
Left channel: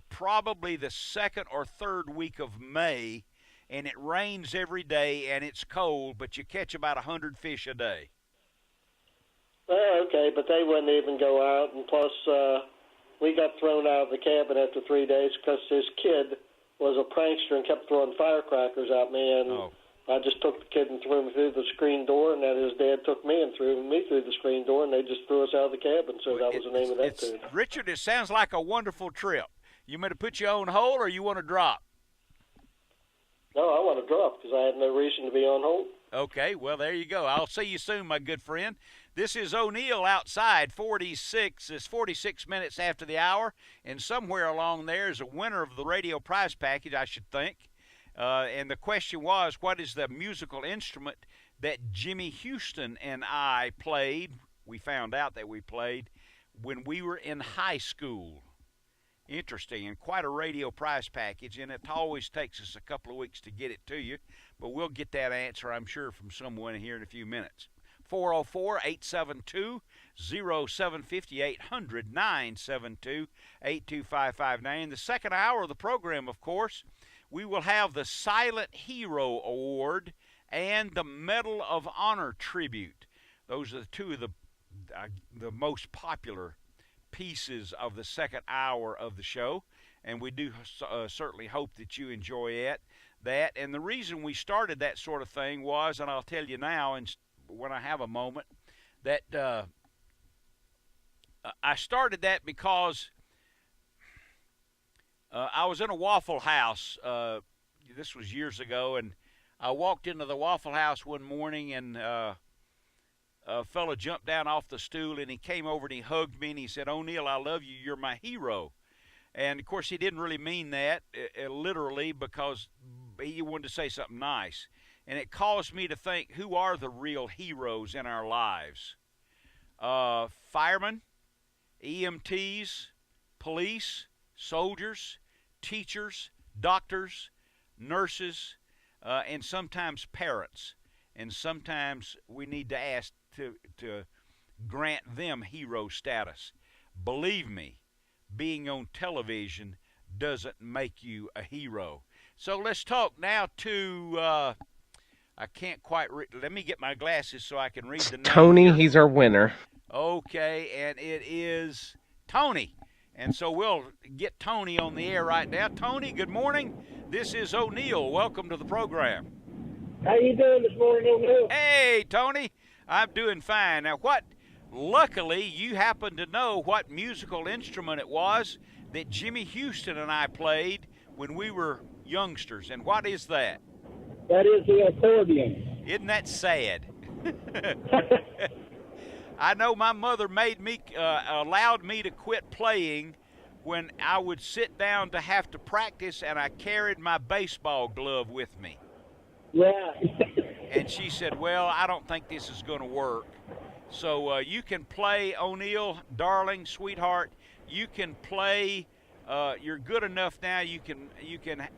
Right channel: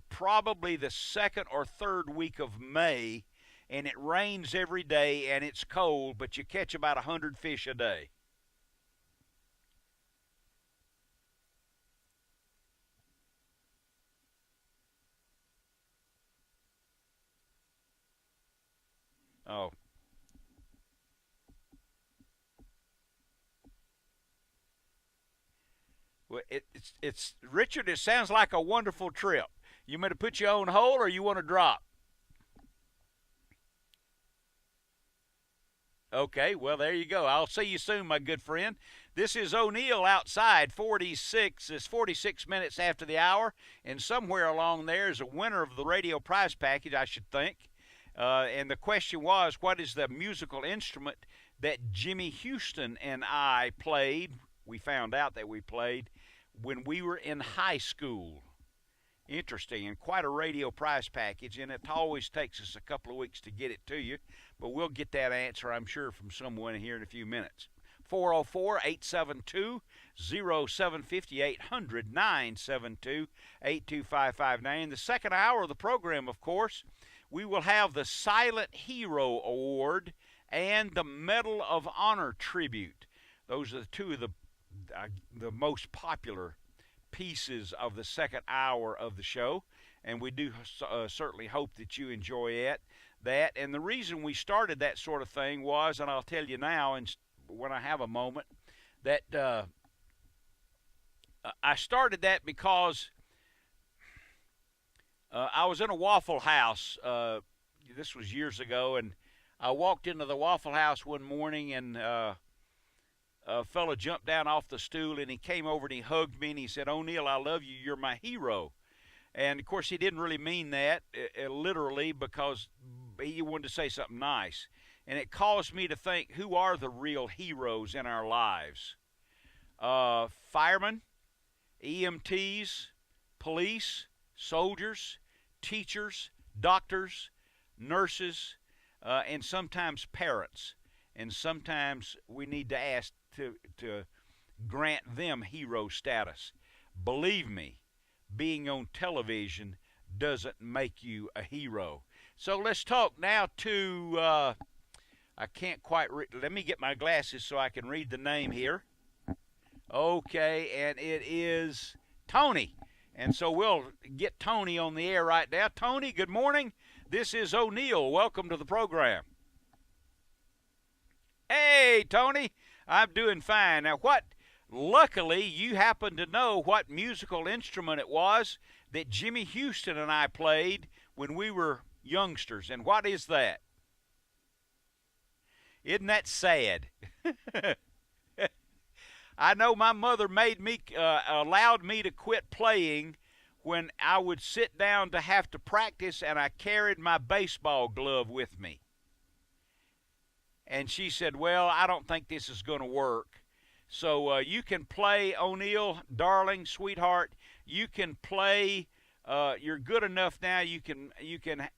probably the second or third week of May, and it rains every day and it's cold, but you catch about 100 fish a day. Oh, okay, but they wouldn't even go out, and plus we got thrown out of the cabin after 3 days because this kid was a prankster and kept throwing firecrackers at me, and I just took the kid and threw him through the screen door, and then his dad took me and threw me through the screen door, and they just threw us out of the cabin. So that was the name of that tune. Richard, it sounds like a wonderful trip. You want to put your own hole, or you want to drop? No, I want to drop because I had no reason to be on hold. Okay, well, there you go. I'll see you soon, my good friend. This is O'Neill outside. 46 is 46 minutes after the hour, and somewhere along there is a winner of the radio prize package, I should think. And the question was, what is the musical instrument that Jimmy Houston and I played? We found out that we played when we were in high school. Interesting, and quite a radio prize package, and it always takes us a couple of weeks to get it to you, but we'll get that answer, I'm sure, from someone here in a few minutes. 404-872-0750, 800-972-82559. In the second hour of the program, of course, we will have the Silent Hero Award and the Medal of Honor tribute. Those are two of the most popular pieces of the second hour of the show, and we do certainly hope that you enjoy that. And the reason we started that sort of thing was, and I'll tell you now, and when I have a moment, that I started that because I was in a Waffle House. This was years ago, and I walked into the Waffle House one morning, and a fellow jumped down off the stool, and he came over and he hugged me, and he said, "O'Neill, I love you. You're my hero." And, of course, he didn't really mean that literally, because he wanted to say something nice. And it caused me to think, who are the real heroes in our lives? Firemen, EMTs, police, soldiers, teachers, doctors, nurses, and sometimes parents. And sometimes we need to ask to grant them hero status. Believe me, being on television doesn't make you a hero. So let's talk now to, I can't quite let me get my glasses so I can read the name Tony, here. He's our winner. Okay, and it is Tony. And so we'll get Tony on the air right now. Tony, good morning. This is O'Neill. Welcome to the program. How you doing this morning, O'Neill? Hey, Tony. I'm doing fine. Now, luckily, you happen to know what musical instrument it was that Jimmy Houston and I played when we were youngsters. And what is that? That is the accordion. Isn't that sad? I know my mother allowed me to quit playing when I would sit down to have to practice, and I carried my baseball glove with me. Yeah. And she said, "Well, I don't think this is going to work." So you can play, O'Neill, darling, sweetheart. You can play. You're good enough now. You can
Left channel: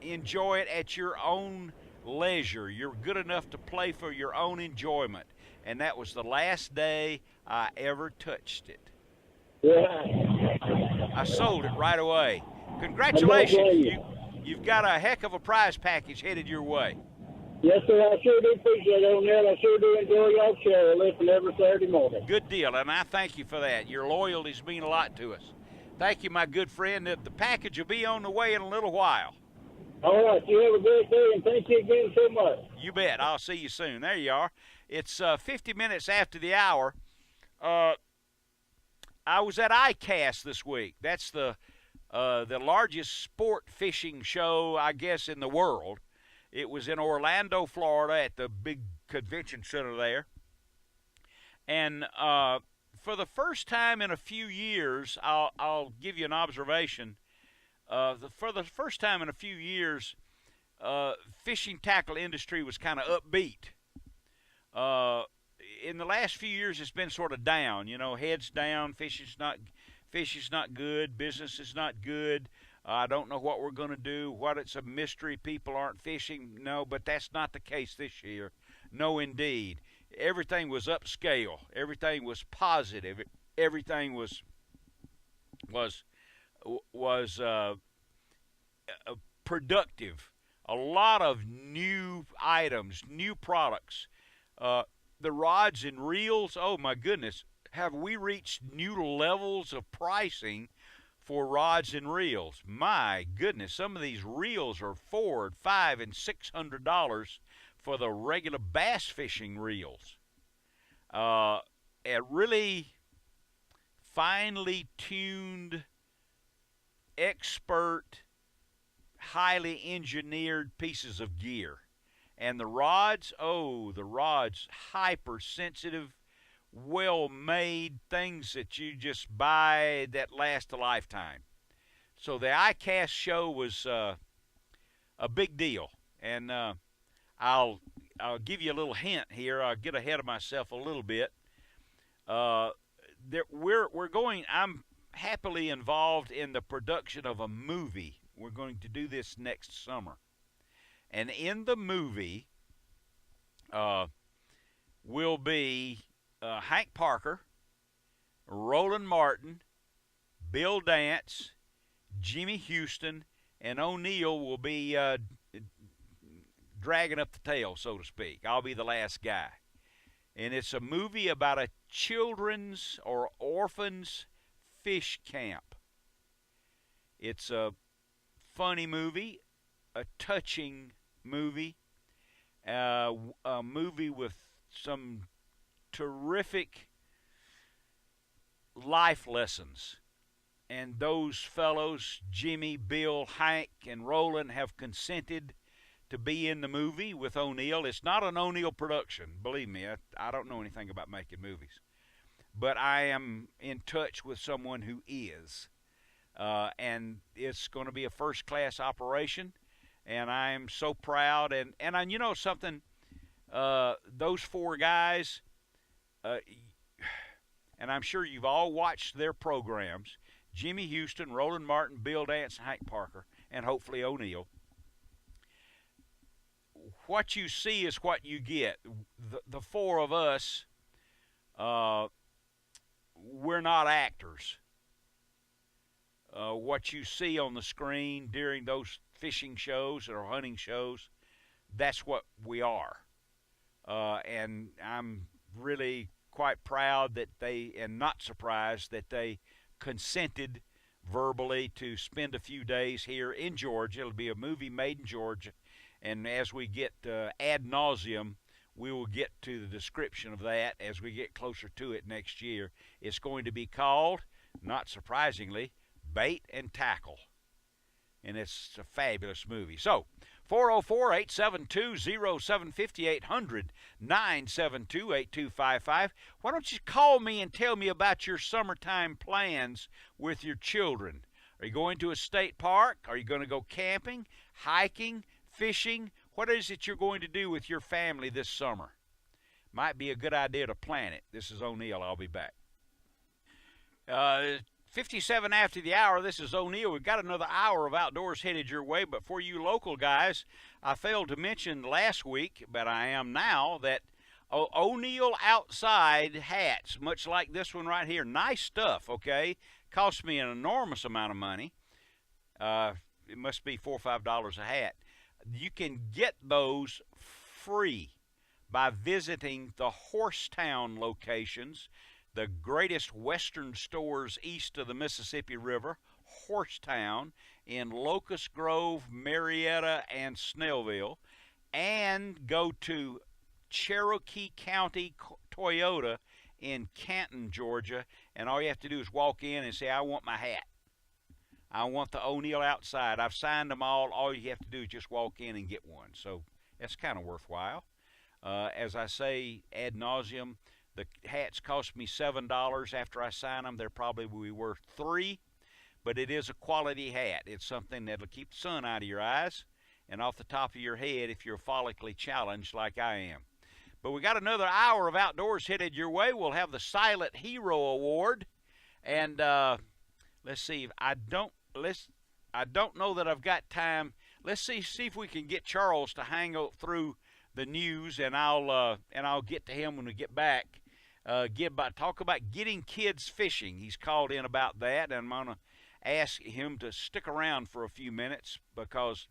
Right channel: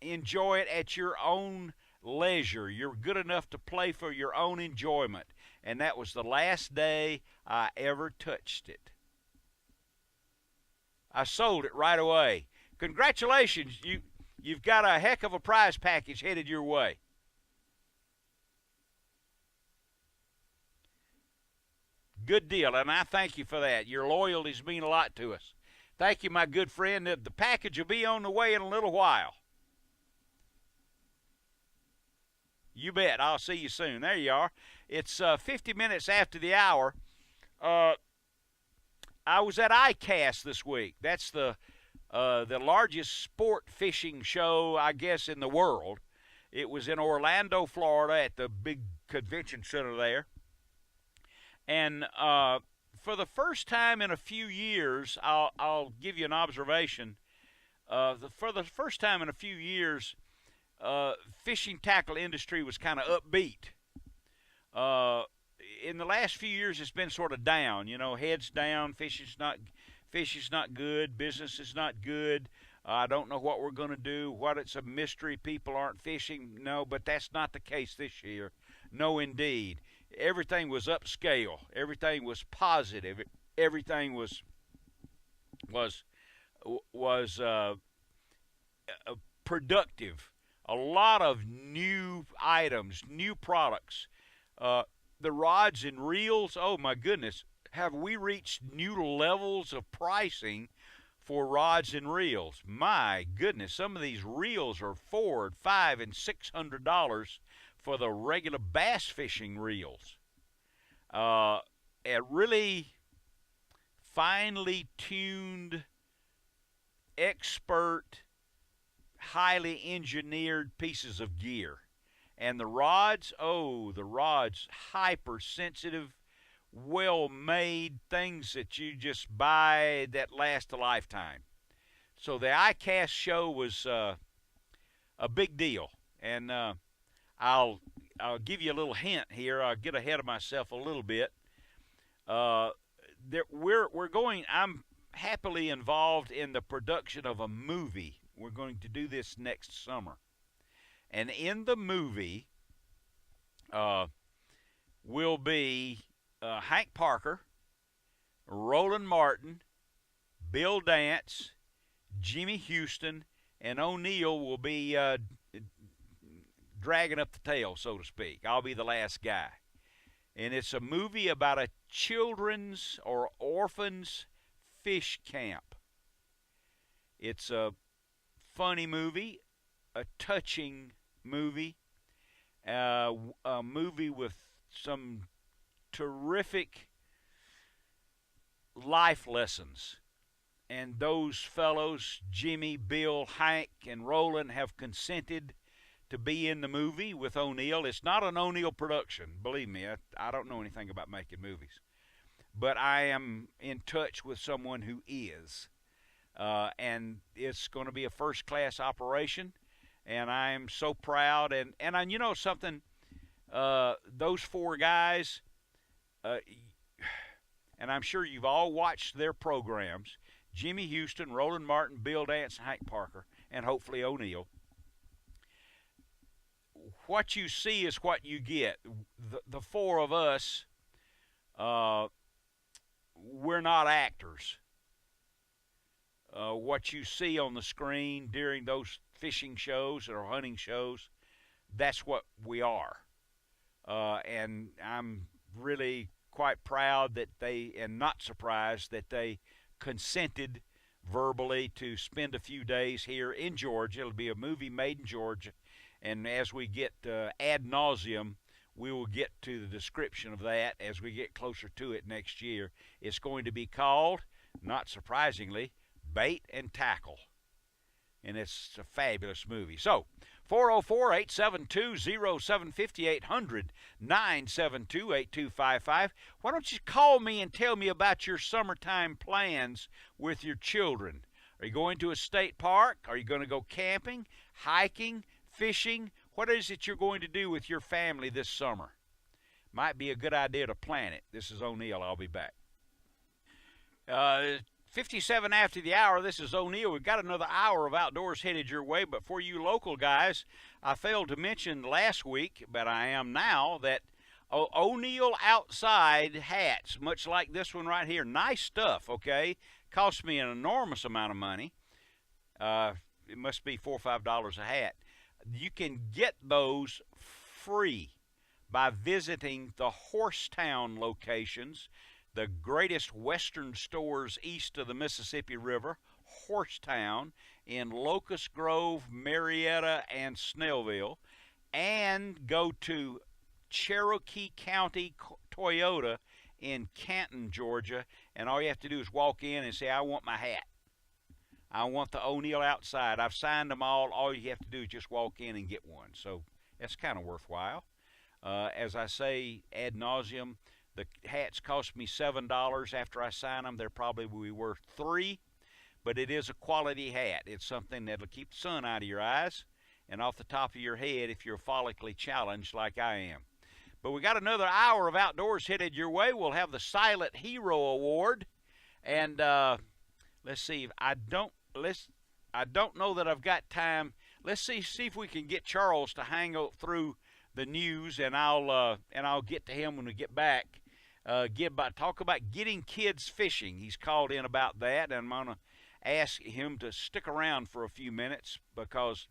enjoy it at your own leisure. You're good enough to play for your own enjoyment. And that was the last day I ever touched it. Yeah. I sold it right away. Congratulations. You've got a heck of a prize package headed your way. Yes, sir. I sure do appreciate it, O'Neill. I sure do enjoy y'all show. I listen every Saturday morning. Good deal, and I thank you for that. Your loyalties mean a lot to us. Thank you, my good friend. The package will be on the way in a little while. All right. You have a great day, and thank you again so much. You bet. I'll see you soon. There you are. It's 50 minutes after the hour. I was at ICAST this week. That's the largest sport fishing show, I guess, in the world. It was in Orlando, Florida, at the big convention center there. And for the first time in a few years, I'll give you an observation. For the first time in a few years, fishing tackle industry was kind of upbeat. In the last few years, it's been sort of down. You know, heads down. Fishing's not good. Business is not good. I don't know what we're going to do. What it's a mystery. People aren't fishing. No, but that's not the case this year. No, indeed. Everything was upscale. Everything was positive. Everything was productive. A lot of new items, new products. The rods and reels, oh my goodness, have we reached new levels of pricing for rods and reels? My goodness, some of these reels are $400, $500, and $600 for the regular bass fishing reels. A really finely tuned, expert, highly engineered pieces of gear. And the rods, hypersensitive, well-made things that you just buy that last a lifetime. So the ICAST show was a big deal. And I'll give you a little hint here. I'll get ahead of myself a little bit. I'm happily involved in the production of a movie. We're going to do this next summer. And in the movie will be Hank Parker, Roland Martin, Bill Dance, Jimmy Houston, and O'Neill will be dragging up the tail, so to speak. I'll be the last guy. And it's a movie about a children's or orphans fish camp. It's a funny movie, a touching movie, a movie with some terrific life lessons. And those fellows, Jimmy, Bill, Hank, and Roland, have consented to be in the movie with O'Neill. It's not an O'Neill production, believe me. I don't know anything about making movies. But I am in touch with someone who is. And it's going to be a first-class operation. And I am so proud. And you know something, those four guys, and I'm sure you've all watched their programs, Jimmy Houston, Roland Martin, Bill Dance, Hank Parker, and hopefully O'Neill. What you see is what you get. The four of us, we're not actors. What you see on the screen during those fishing shows or hunting shows, that's what we are. And I'm really quite proud that they, and not surprised that they consented verbally to spend a few days here in Georgia. It'll be a movie made in Georgia. And as we get ad nauseum, we will get to the description of that as we get closer to it next year. It's going to be called, not surprisingly, Bait and Tackle. And it's a fabulous movie. So, 404-872-0750, 800-972-8255. Why don't you call me and tell me about your summertime plans with your children? Are you going to a state park? Are you going to go camping, hiking, fishing? What is it you're going to do with your family this summer? Might be a good idea to plan it. This is O'Neill. I'll be back. 57 after the hour, this is O'Neill. We've got another hour of outdoors headed your way, but for you local guys, I failed to mention last week, but I am now, that O'Neill Outside hats, much like this one right here, nice stuff, okay? Cost me an enormous amount of money. It must be $4 or $5 a hat. You can get those free by visiting the Horsetown locations, the greatest Western stores east of the Mississippi River, Horsetown, in Locust Grove, Marietta, and Snellville, and go to Cherokee County Toyota in Canton, Georgia, and all you have to do is walk in and say, I want my hat. I want the O'Neill Outside. I've signed them all. All you have to do is just walk in and get one. So that's kind of worthwhile. As I say ad nauseum, the hats cost me $7. After I sign them, they're probably worth $3. But it is a quality hat. It's something that'll keep the sun out of your eyes. and off the top of your head if you're follically challenged like I am. But we got another hour of outdoors headed your way. We'll have the Silent Hero Award, and let's see. I don't know that I've got time. Let's see if we can get Charles to hang through the news, and I'll get to him when we get back. Talk about getting kids fishing. He's called in about that, and I'm gonna ask him to stick around for a few minutes because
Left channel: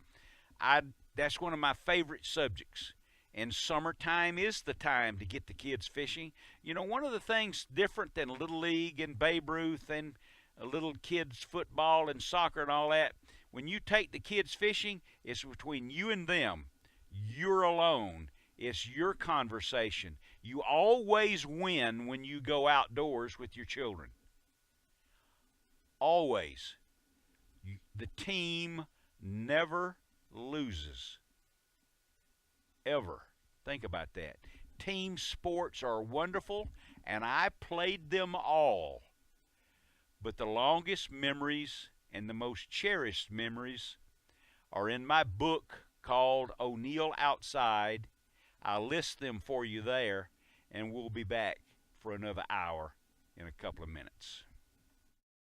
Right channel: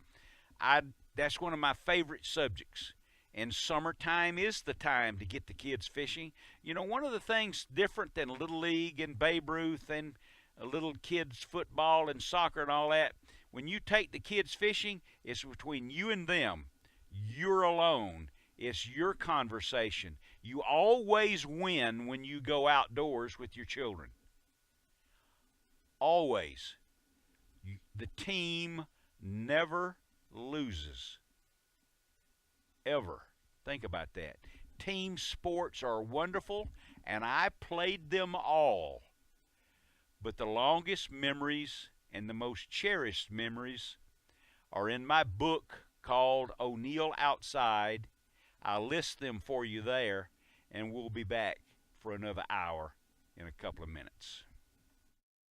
that's one of my favorite subjects. And summertime is the time to get the kids fishing. You know, one of the things different than Little League and Babe Ruth and little kids football and soccer and all that, when you take the kids fishing, it's between you and them. You're alone. It's your conversation. You always win when you go outdoors with your children. Always. The team never loses. Ever. Think about that. Team sports are wonderful, and I played them all. But the longest memories and the most cherished memories are in my book called O'Neill Outside. I'll list them for you there, and we'll be back for another hour in a couple of minutes.